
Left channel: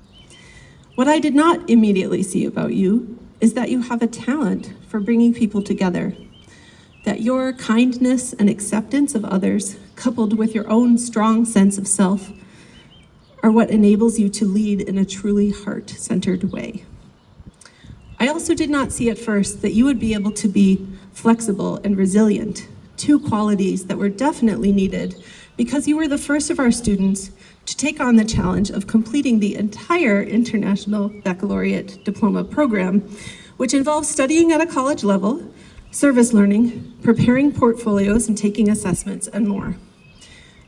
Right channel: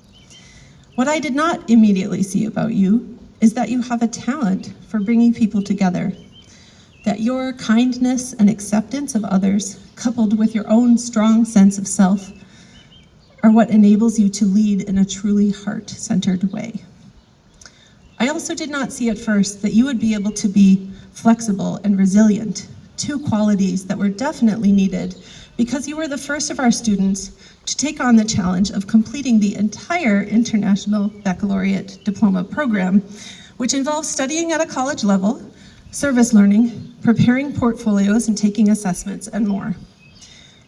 What I did not immediately see about you is that you have a talent for bringing people together, that your kindness and acceptance of others, coupled with your own strong sense of self, are what enables you to lead in a truly heart-centered way. I also did not see at first that you would be able to be flexible and resilient, two qualities that were definitely needed because you were the first of our students to take on the challenge of completing the entire International Baccalaureate Diploma program, which involves studying at a college level, service learning, preparing portfolios and taking assessments, and more.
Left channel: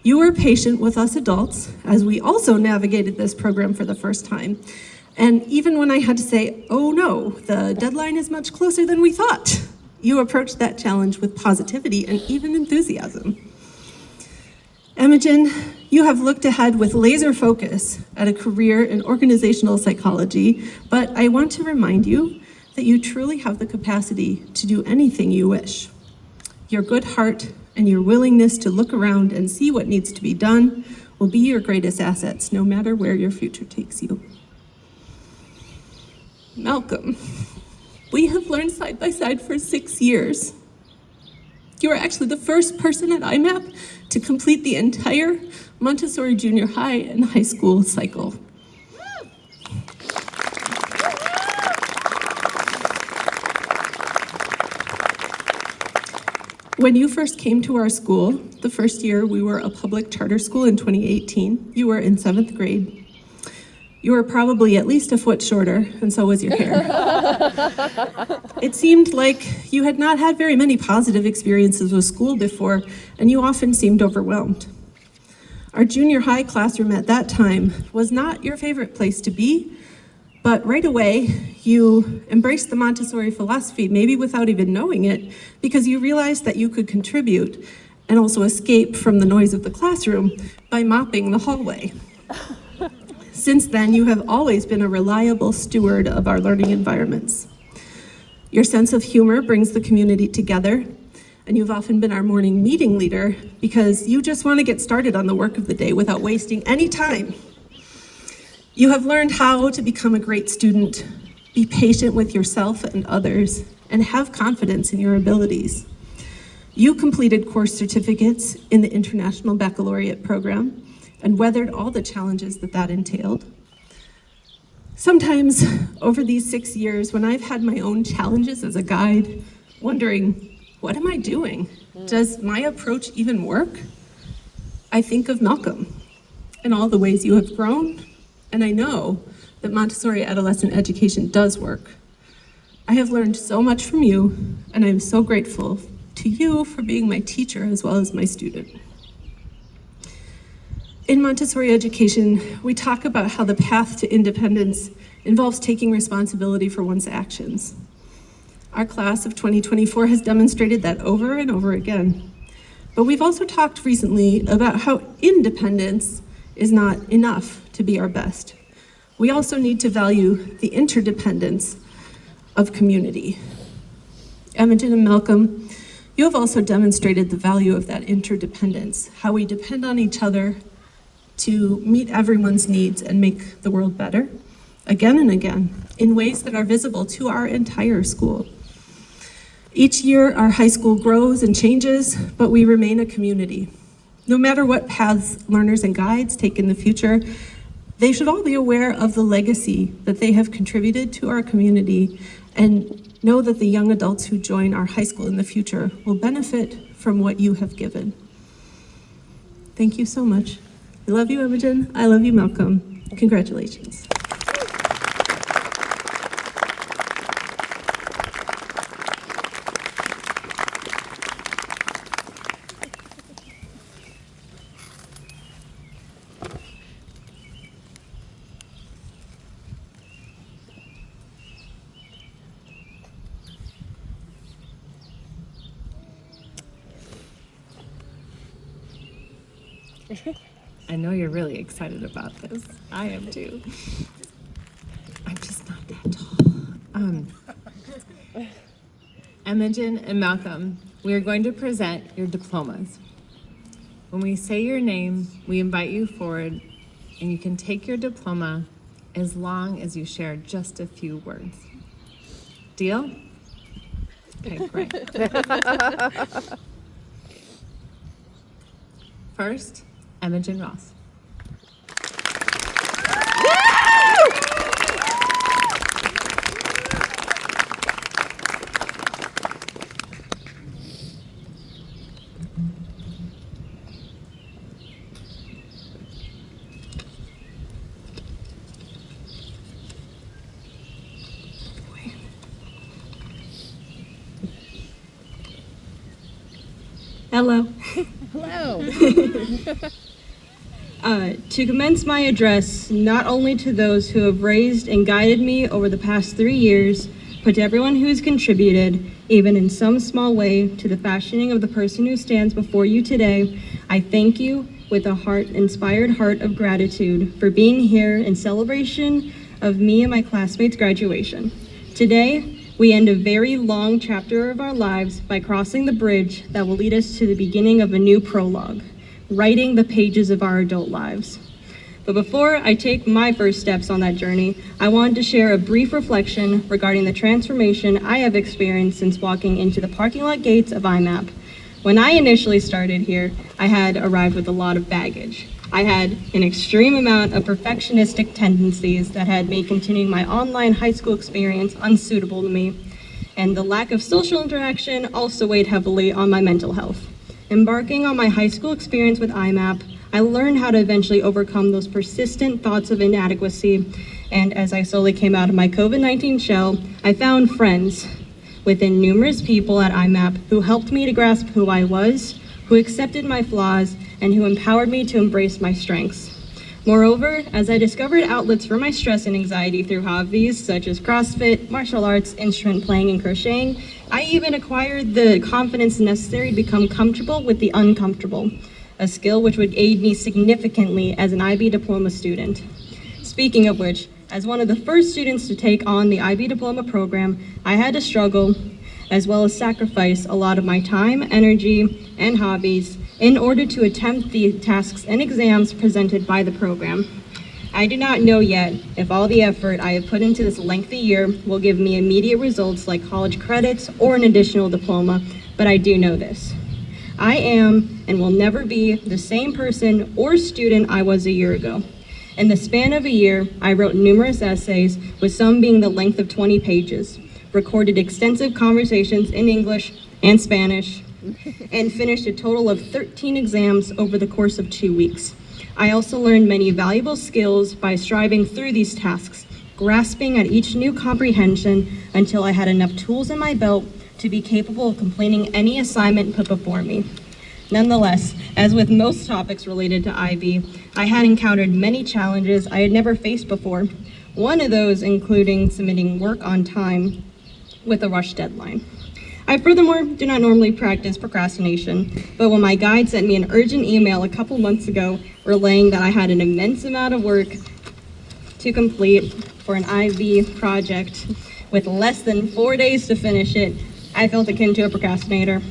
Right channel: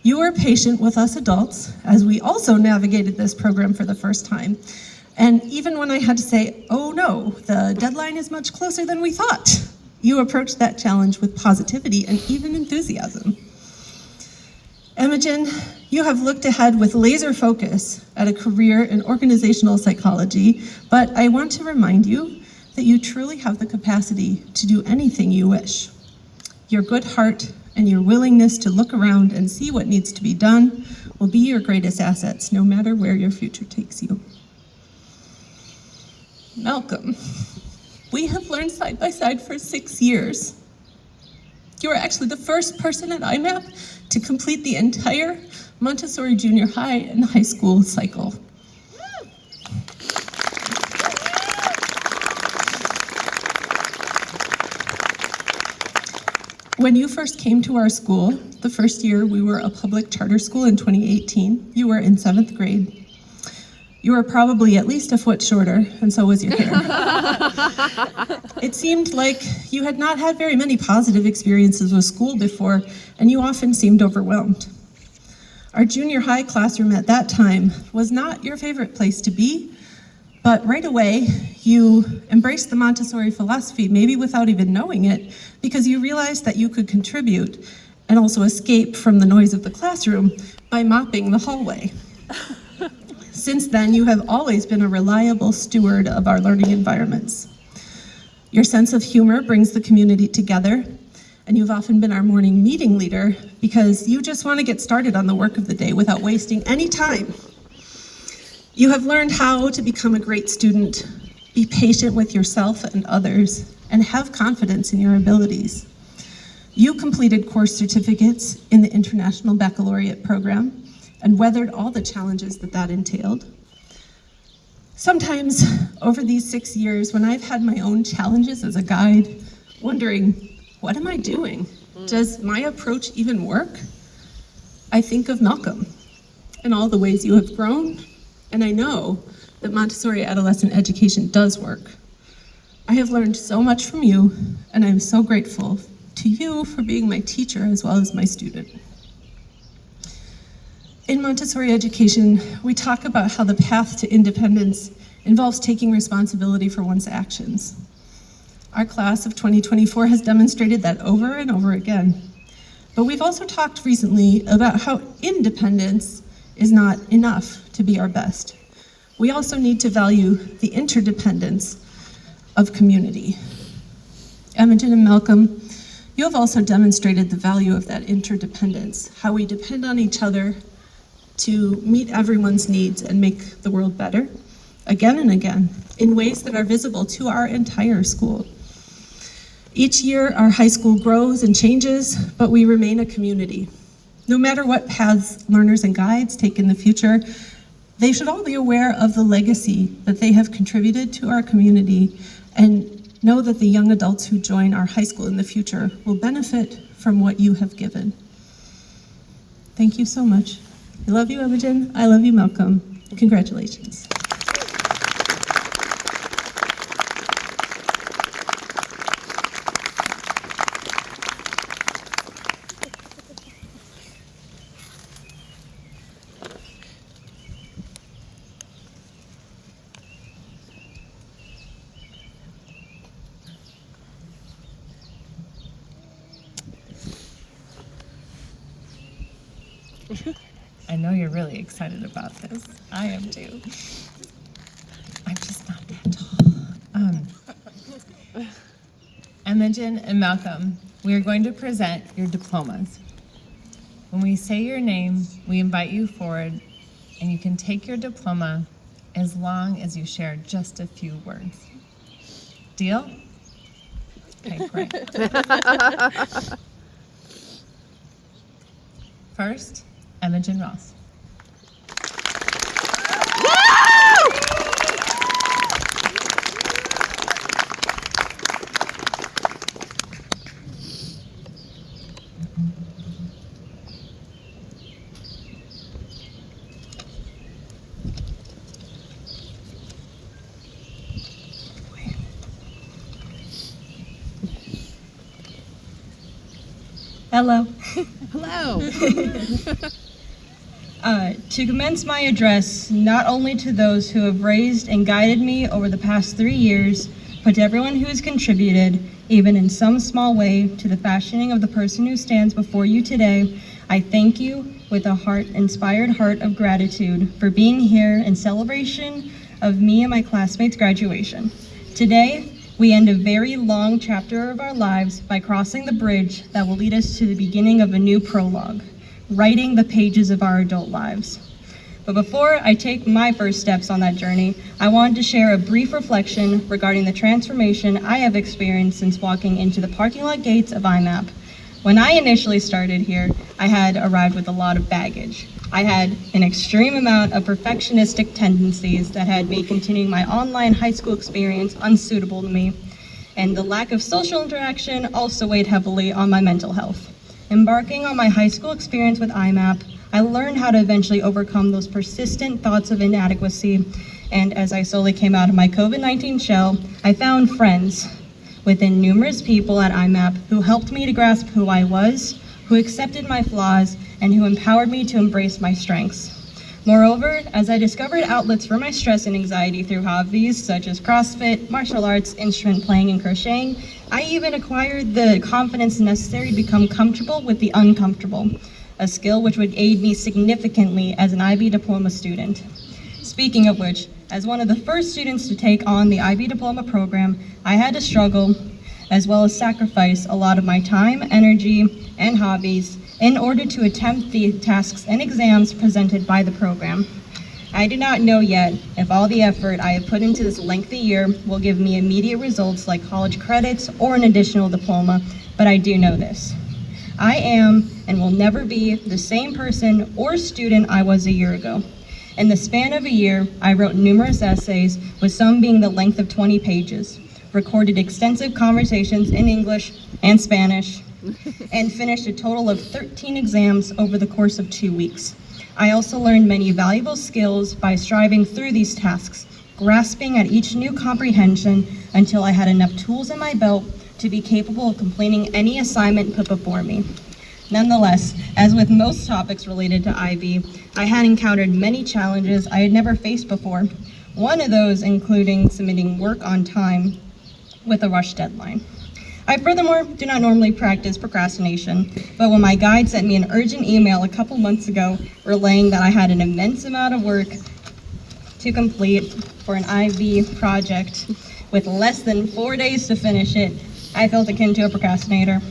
You were patient with us adults as we also navigated this program for the first time. And even when I had to say, oh no, the deadline is much closer than we thought, you approached that challenge with positivity and even enthusiasm. Imogen, you have looked ahead with laser focus at a career in organizational psychology, but I want to remind you that you truly have the capacity to do anything you wish. Your good heart and your willingness to look around and see what needs to be done will be your greatest assets, no matter where your future takes you. Malcolm, we have learned side by side for 6 years. You are actually the first person at IMAP to complete the entire Montessori junior high and high school cycle. When you first came to our school, the first year we were a public charter school in 2018. You were in 7th grade. You were probably at least a foot shorter, and so was your hair. It seemed like you had not had very many positive experiences with school before, and you often seemed overwhelmed. Our junior high classroom at that time was not your favorite place to be, but right away you embraced the Montessori philosophy, maybe without even knowing it, because you realized that you could contribute and also escape from the noise of the classroom by mopping the hallway. Since then, you have always been a reliable steward of our learning environments. Your sense of humor brings the community together, and you've often been our morning meeting leader because you just want to get started on the work of the day without wasting any time. You have learned how to become a great student, be patient with yourself and others, and have confidence in your abilities. You completed course certificates in the International Baccalaureate program and weathered all the challenges that entailed. Sometimes over these 6 years, when I've had my own challenges as a guide, wondering, what am I doing? Does my approach even work? I think of Malcolm and all the ways you have grown, and I know that Montessori adolescent education does work. I have learned so much from you, and I am so grateful to you for being my teacher as well as my student. In Montessori education, we talk about how the path to independence involves taking responsibility for one's actions. Our class of 2024 has demonstrated that over and over again. But we've also talked recently about how independence is not enough to be our best. We also need to value the interdependence of community. Imogen and Malcolm, you have also demonstrated the value of that interdependence, how we depend on each other to meet everyone's needs and make the world better, again and again, in ways that are visible to our entire school. Each year, our high school grows and changes, but we remain a community. No matter what paths learners and guides take in the future, they should all be aware of the legacy that they have contributed to our community and know that the young adults who join our high school in the future will benefit from what you have given. Thank you so much. I love you, Imogen. I love you, Malcolm. Congratulations. I know you're really excited about this. I am too. I'm just not that tall. Imogen and Malcolm, we are going to present your diplomas. When we say your name, we invite you forward, and you can take your diploma as long as you share just a few words. Deal? Okay, great. First, Imogen Ross. Hello. Hello. To commence my address, not only to those who have raised and guided me over the past 3 years, but to everyone who has contributed, even in some small way, to the fashioning of the person who stands before you today, I thank you with a inspired heart of gratitude for being here in celebration of me and my classmates' graduation. Today, we end a very long chapter of our lives by crossing the bridge that will lead us to the beginning of a new prologue, writing the pages of our adult lives. But before I take my first steps on that journey, I wanted to share a brief reflection regarding the transformation I have experienced since walking into the parking lot gates of IMAP. When I initially started here, I had arrived with a lot of baggage. I had an extreme amount of perfectionistic tendencies that had made continuing my online high school experience unsuitable to me, and the lack of social interaction also weighed heavily on my mental health. Embarking on my high school experience with IMAP, I learned how to eventually overcome those persistent thoughts of inadequacy. And as I slowly came out of my COVID-19 shell, I found friends within numerous people at IMAP who helped me to grasp who I was, who accepted my flaws, and who empowered me to embrace my strengths. Moreover, as I discovered outlets for my stress and anxiety through hobbies such as CrossFit, martial arts, instrument playing, and crocheting, I even acquired the confidence necessary to become comfortable with the uncomfortable, a skill which would aid me significantly as an IB diploma student. Speaking of which, as one of the first students to take on the IB diploma program, I had to struggle as well as sacrifice a lot of my time, energy, and hobbies in order to attempt the tasks and exams presented by the program. I do not know yet if all the effort I have put into this lengthy year will give me immediate results like college credits or an additional diploma, but I do know this. I am and will never be the same person or student I was a year ago. In the span of a year, I wrote numerous essays, with some being the length of 20 pages, recorded extensive conversations in English and Spanish, and finished a total of 13 exams over the course of 2 weeks. I also learned many valuable skills by striving through these tasks, grasping at each new comprehension until I had enough tools in my belt to be capable of completing any assignment put before me. Nonetheless, as with most topics related to IB, I had encountered many challenges I had never faced before. One of those including submitting work on time with a rush deadline. I furthermore do not normally practice procrastination, but when my guide sent me an urgent email a couple months ago relaying that I had an immense amount of work to complete for an IB project with less than 4 days to finish it, I felt akin to a procrastinator.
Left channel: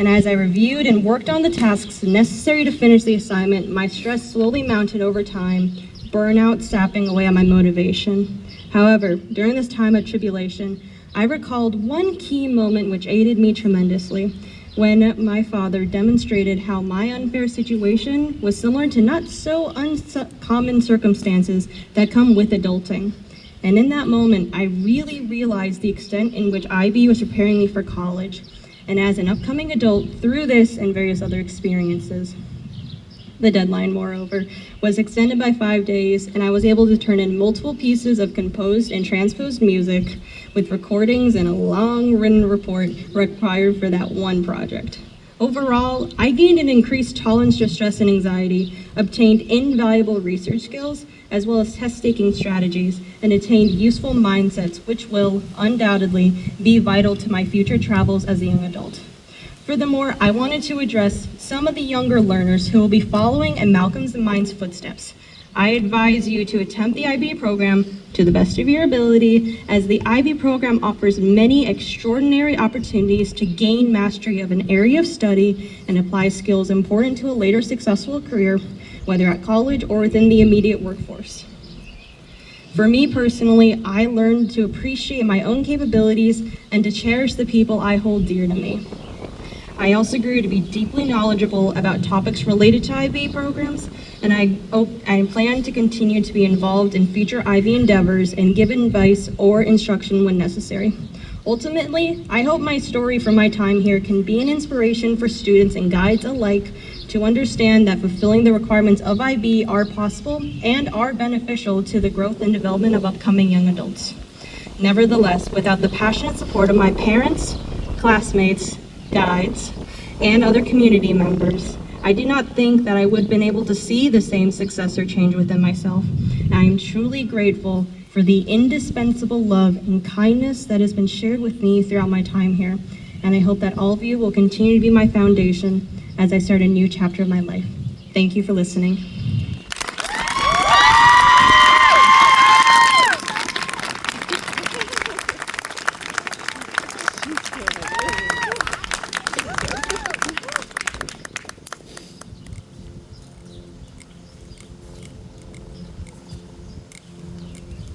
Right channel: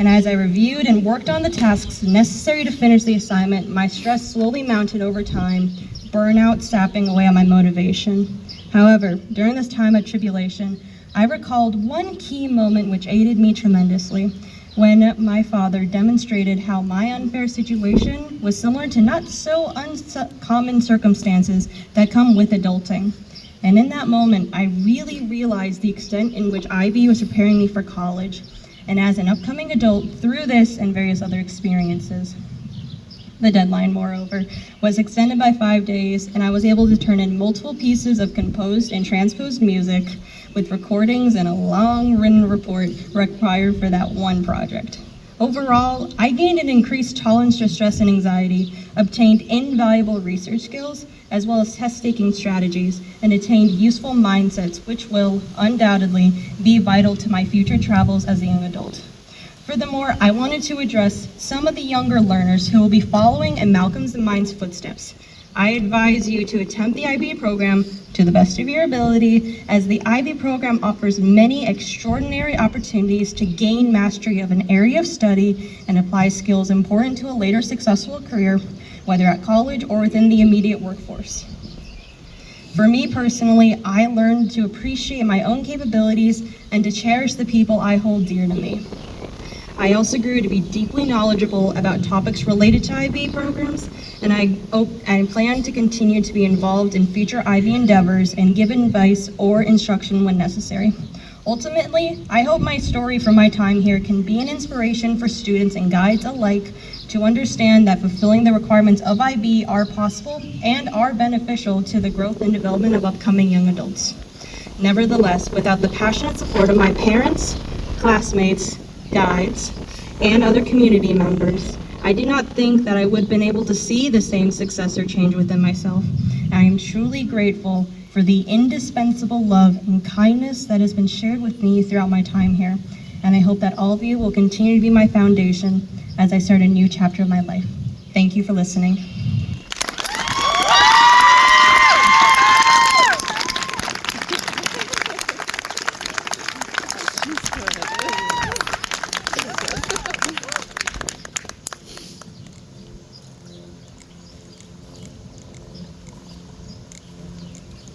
And as I reviewed and worked on the tasks necessary to finish the assignment, my stress slowly mounted over time, burnout sapping away at my motivation. However, during this time of tribulation, I recalled one key moment which aided me tremendously, when my father demonstrated how my unfair situation was similar to not so uncommon circumstances that come with adulting. And in that moment, I really realized the extent in which IB was preparing me for college, and as an upcoming adult through this and various other experiences. The deadline, moreover, was extended by 5 days, and I was able to turn in multiple pieces of composed and transposed music with recordings and a long written report required for that one project. Overall, I gained an increased tolerance to stress and anxiety, obtained invaluable research skills, as well as test-taking strategies, and attained useful mindsets which will undoubtedly be vital to my future travels as a young adult. Furthermore, I wanted to address some of the younger learners who will be following in Malcolm's and mine's footsteps. I advise you to attempt the IB program to the best of your ability, as the IB program offers many extraordinary opportunities to gain mastery of an area of study and apply skills important to a later successful career, whether at college or within the immediate workforce. For me personally, I learned to appreciate my own capabilities and to cherish the people I hold dear to me. I also grew to be deeply knowledgeable about topics related to IB programs, and I plan to continue to be involved in future IB endeavors and give advice or instruction when necessary. Ultimately, I hope my story from my time here can be an inspiration for students and guides alike to understand that fulfilling the requirements of IB are possible and are beneficial to the growth and development of upcoming young adults. Nevertheless, without the passionate support of my parents, classmates, guides, and other community members, I do not think that I would have been able to see the same success or change within myself. I am truly grateful for the indispensable love and kindness that has been shared with me throughout my time here, and I hope that all of you will continue to be my foundation as I start a new chapter of my life. Thank you for listening.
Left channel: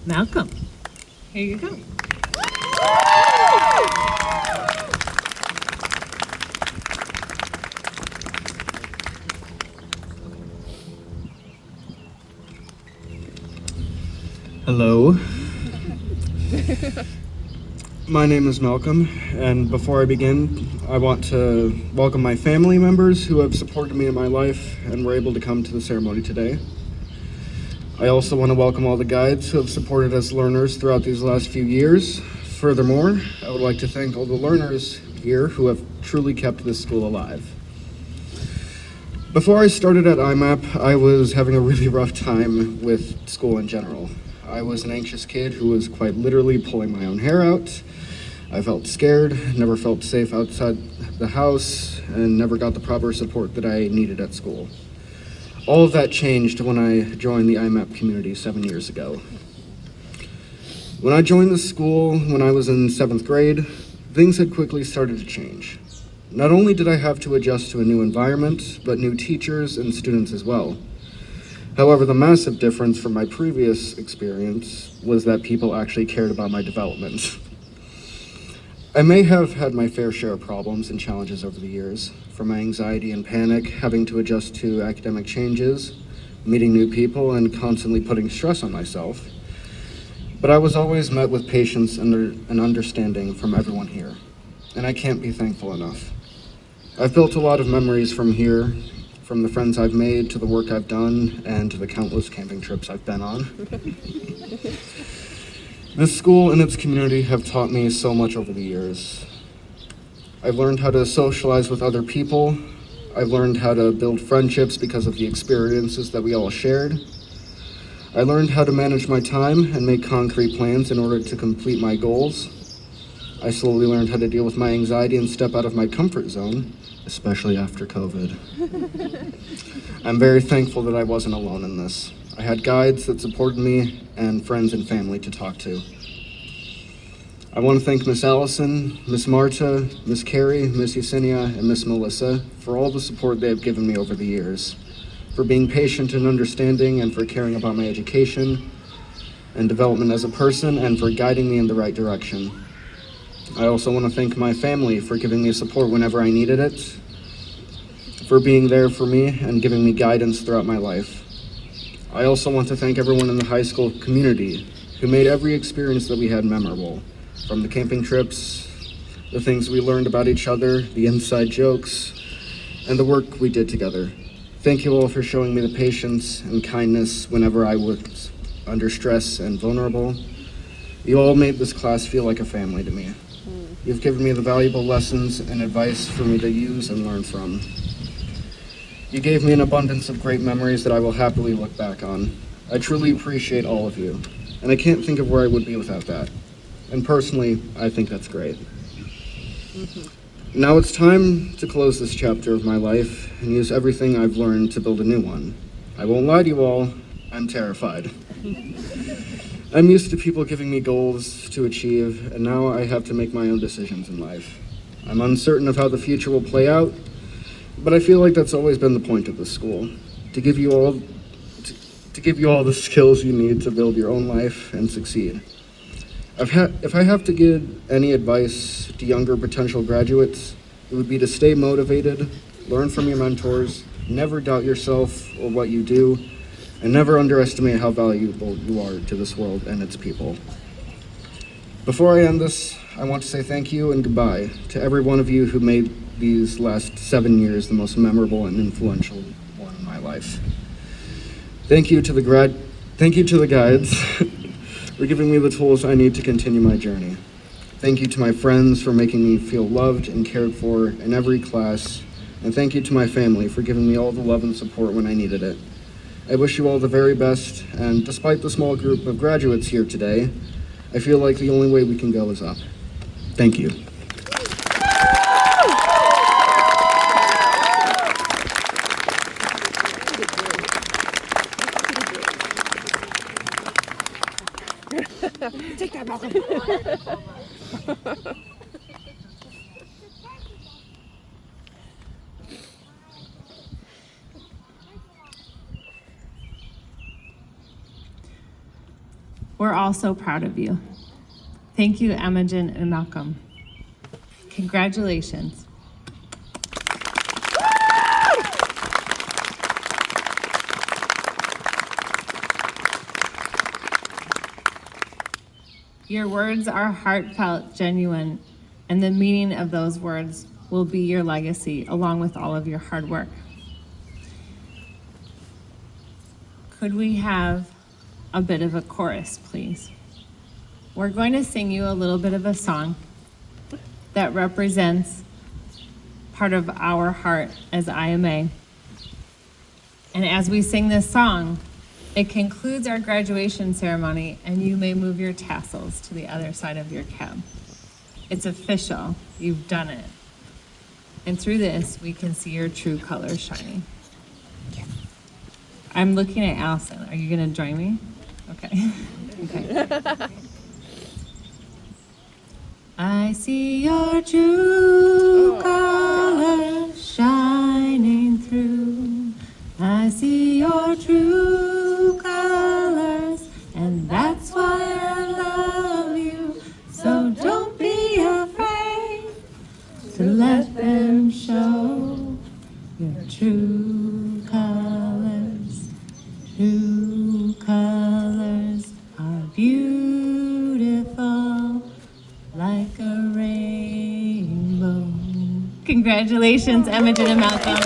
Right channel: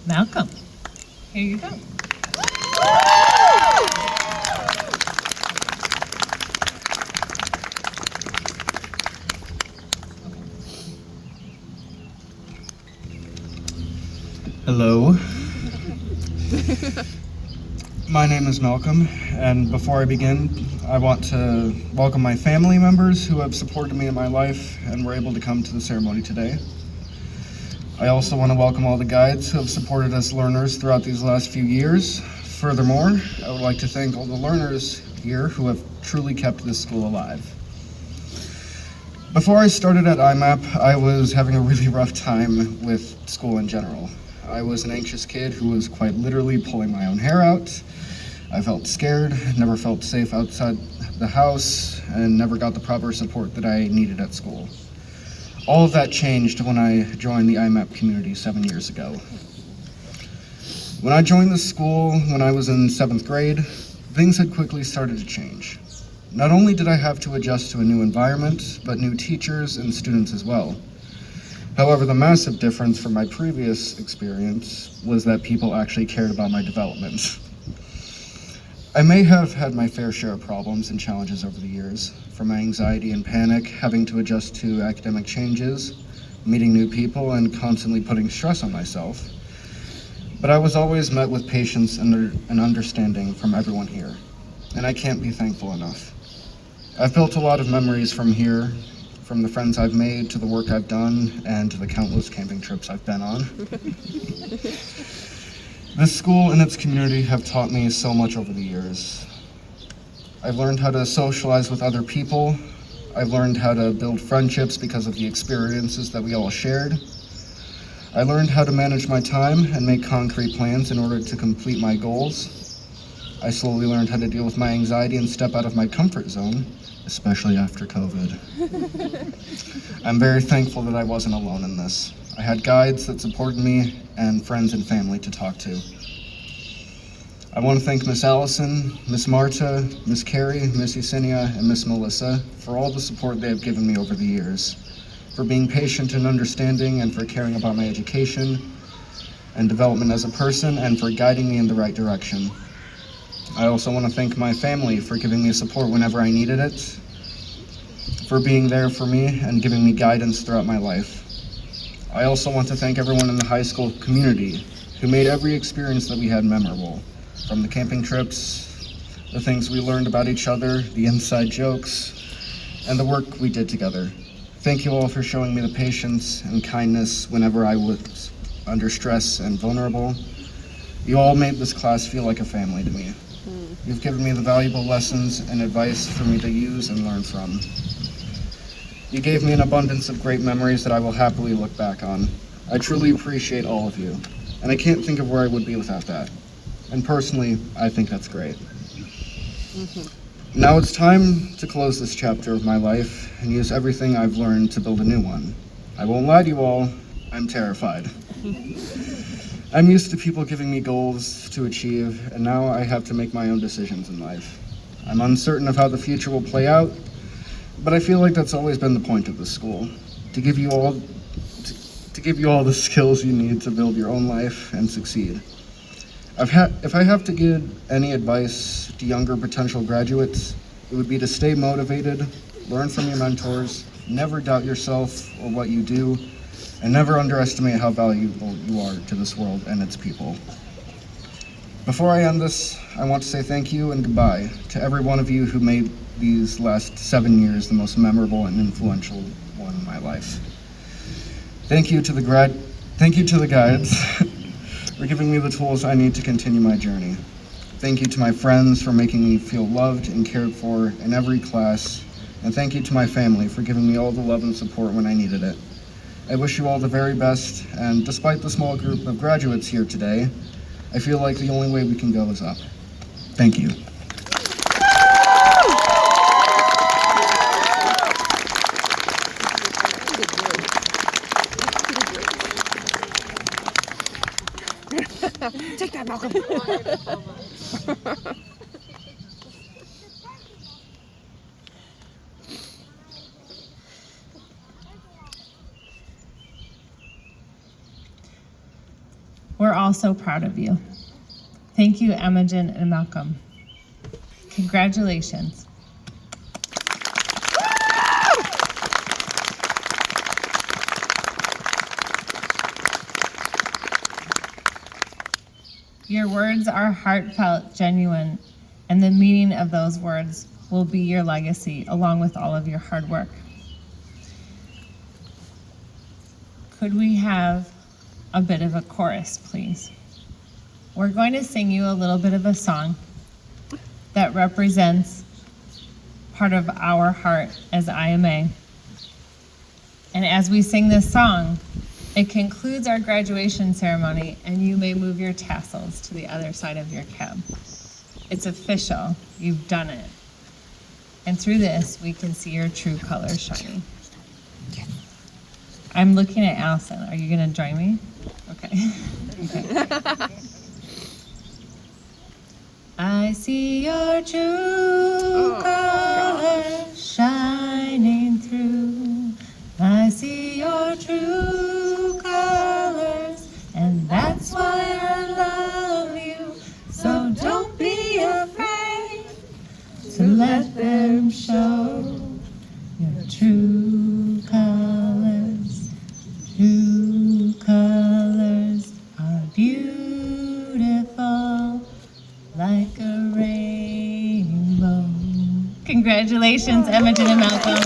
Malcolm, here you go. Hello. My name is Malcolm, and before I begin, I want to welcome my family members who have supported me in my life and were able to come to the ceremony today. I also want to welcome all the guides who have supported us learners throughout these last few years. Furthermore, I would like to thank all the learners here who have truly kept this school alive. Before I started at IMAP, I was having a really rough time with school in general. I was an anxious kid who was quite literally pulling my own hair out. I felt scared, never felt safe outside the house, and never got the proper support that I needed at school. All of that changed when I joined the IMAP community 7 years ago. When I joined the school when I was in 7th grade, things had quickly started to change. Not only did I have to adjust to a new environment, but new teachers and students as well. However, the massive difference from my previous experience was that people actually cared about my development. I may have had my fair share of problems and challenges over the years, from my anxiety and panic, having to adjust to academic changes, meeting new people, and constantly putting stress on myself. But I was always met with patience and understanding from everyone here, and I can't be thankful enough. I've built a lot of memories from here, from the friends I've made to the work I've done and to the countless camping trips I've been on. This school and its community have taught me so much over the years. I've learned how to socialize with other people. I've learned how to build friendships because of the experiences that we all shared. I learned how to manage my time and make concrete plans in order to complete my goals. I slowly learned how to deal with my anxiety and step out of my comfort zone, especially after COVID. I'm very thankful that I wasn't alone in this. I had guides that supported me and friends and family to talk to. I want to thank Miss Allison, Miss Marta, Miss Carrie, Miss Yesenia, and Miss Melissa for all the support they have given me over the years, for being patient and understanding, and for caring about my education and development as a person, and for guiding me in the right direction. I also want to thank my family for giving me support whenever I needed it, for being there for me and giving me guidance throughout my life. I also want to thank everyone in the high school community who made every experience that we had memorable, from the camping trips, the things we learned about each other, the inside jokes, and the work we did together. Thank you all for showing me the patience and kindness whenever I was under stress and vulnerable. You all made this class feel like a family to me. You've given me the valuable lessons and advice for me to use and learn from. You gave me an abundance of great memories that I will happily look back on. I truly appreciate all of you, and I can't think of where I would be without that. And personally, I think that's great. Now it's time to close this chapter of my life and use everything I've learned to build a new one. I won't lie to you all, I'm terrified. I'm used to people giving me goals to achieve, and now I have to make my own decisions in life. I'm uncertain of how the future will play out, but I feel like that's always been the point of this school, to give you all the skills you need to build your own life and succeed. If I have to give any advice to younger potential graduates, it would be to stay motivated, learn from your mentors, never doubt yourself or what you do, and never underestimate how valuable you are to this world and its people. Before I end this, I want to say thank you and goodbye to every one of you who made these last 7 years the most memorable and influential one in my life. Thank you to the guides for giving me the tools I need to continue my journey. Thank you to my friends for making me feel loved and cared for in every class, and thank you to my family for giving me all the love and support when I needed it. I wish you all the very best, and despite the small group of graduates here today, I feel like the only way we can go is up. Thank you. Take that, Malcolm. We're all so proud of you. Thank you, Imogen and Malcolm. Congratulations. Your words are heartfelt, genuine, and the meaning of those words will be your legacy along with all of your hard work. Could we have a bit of a chorus, please? We're going to sing you a little bit of a song that represents part of our heart as IMA. And as we sing this song, it concludes our graduation ceremony, and you may move your tassels to the other side of your cab. It's official. You've done it. And through this, we can see your true colors shining. I'm looking at Allison. Are you going to join me? Okay. Okay. I see your true colors shining through. I see your true colors, and that's why I love you. So don't be afraid to let them show your true colors. True colors are beautiful, like a rainbow. Congratulations, Imogen and Malcolm.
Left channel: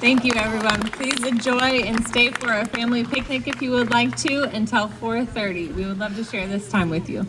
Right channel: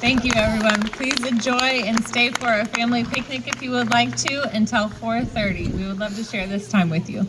Thank you, everyone. Please enjoy and stay for a family picnic if you would like to until 4:30. We would love to share this time with you.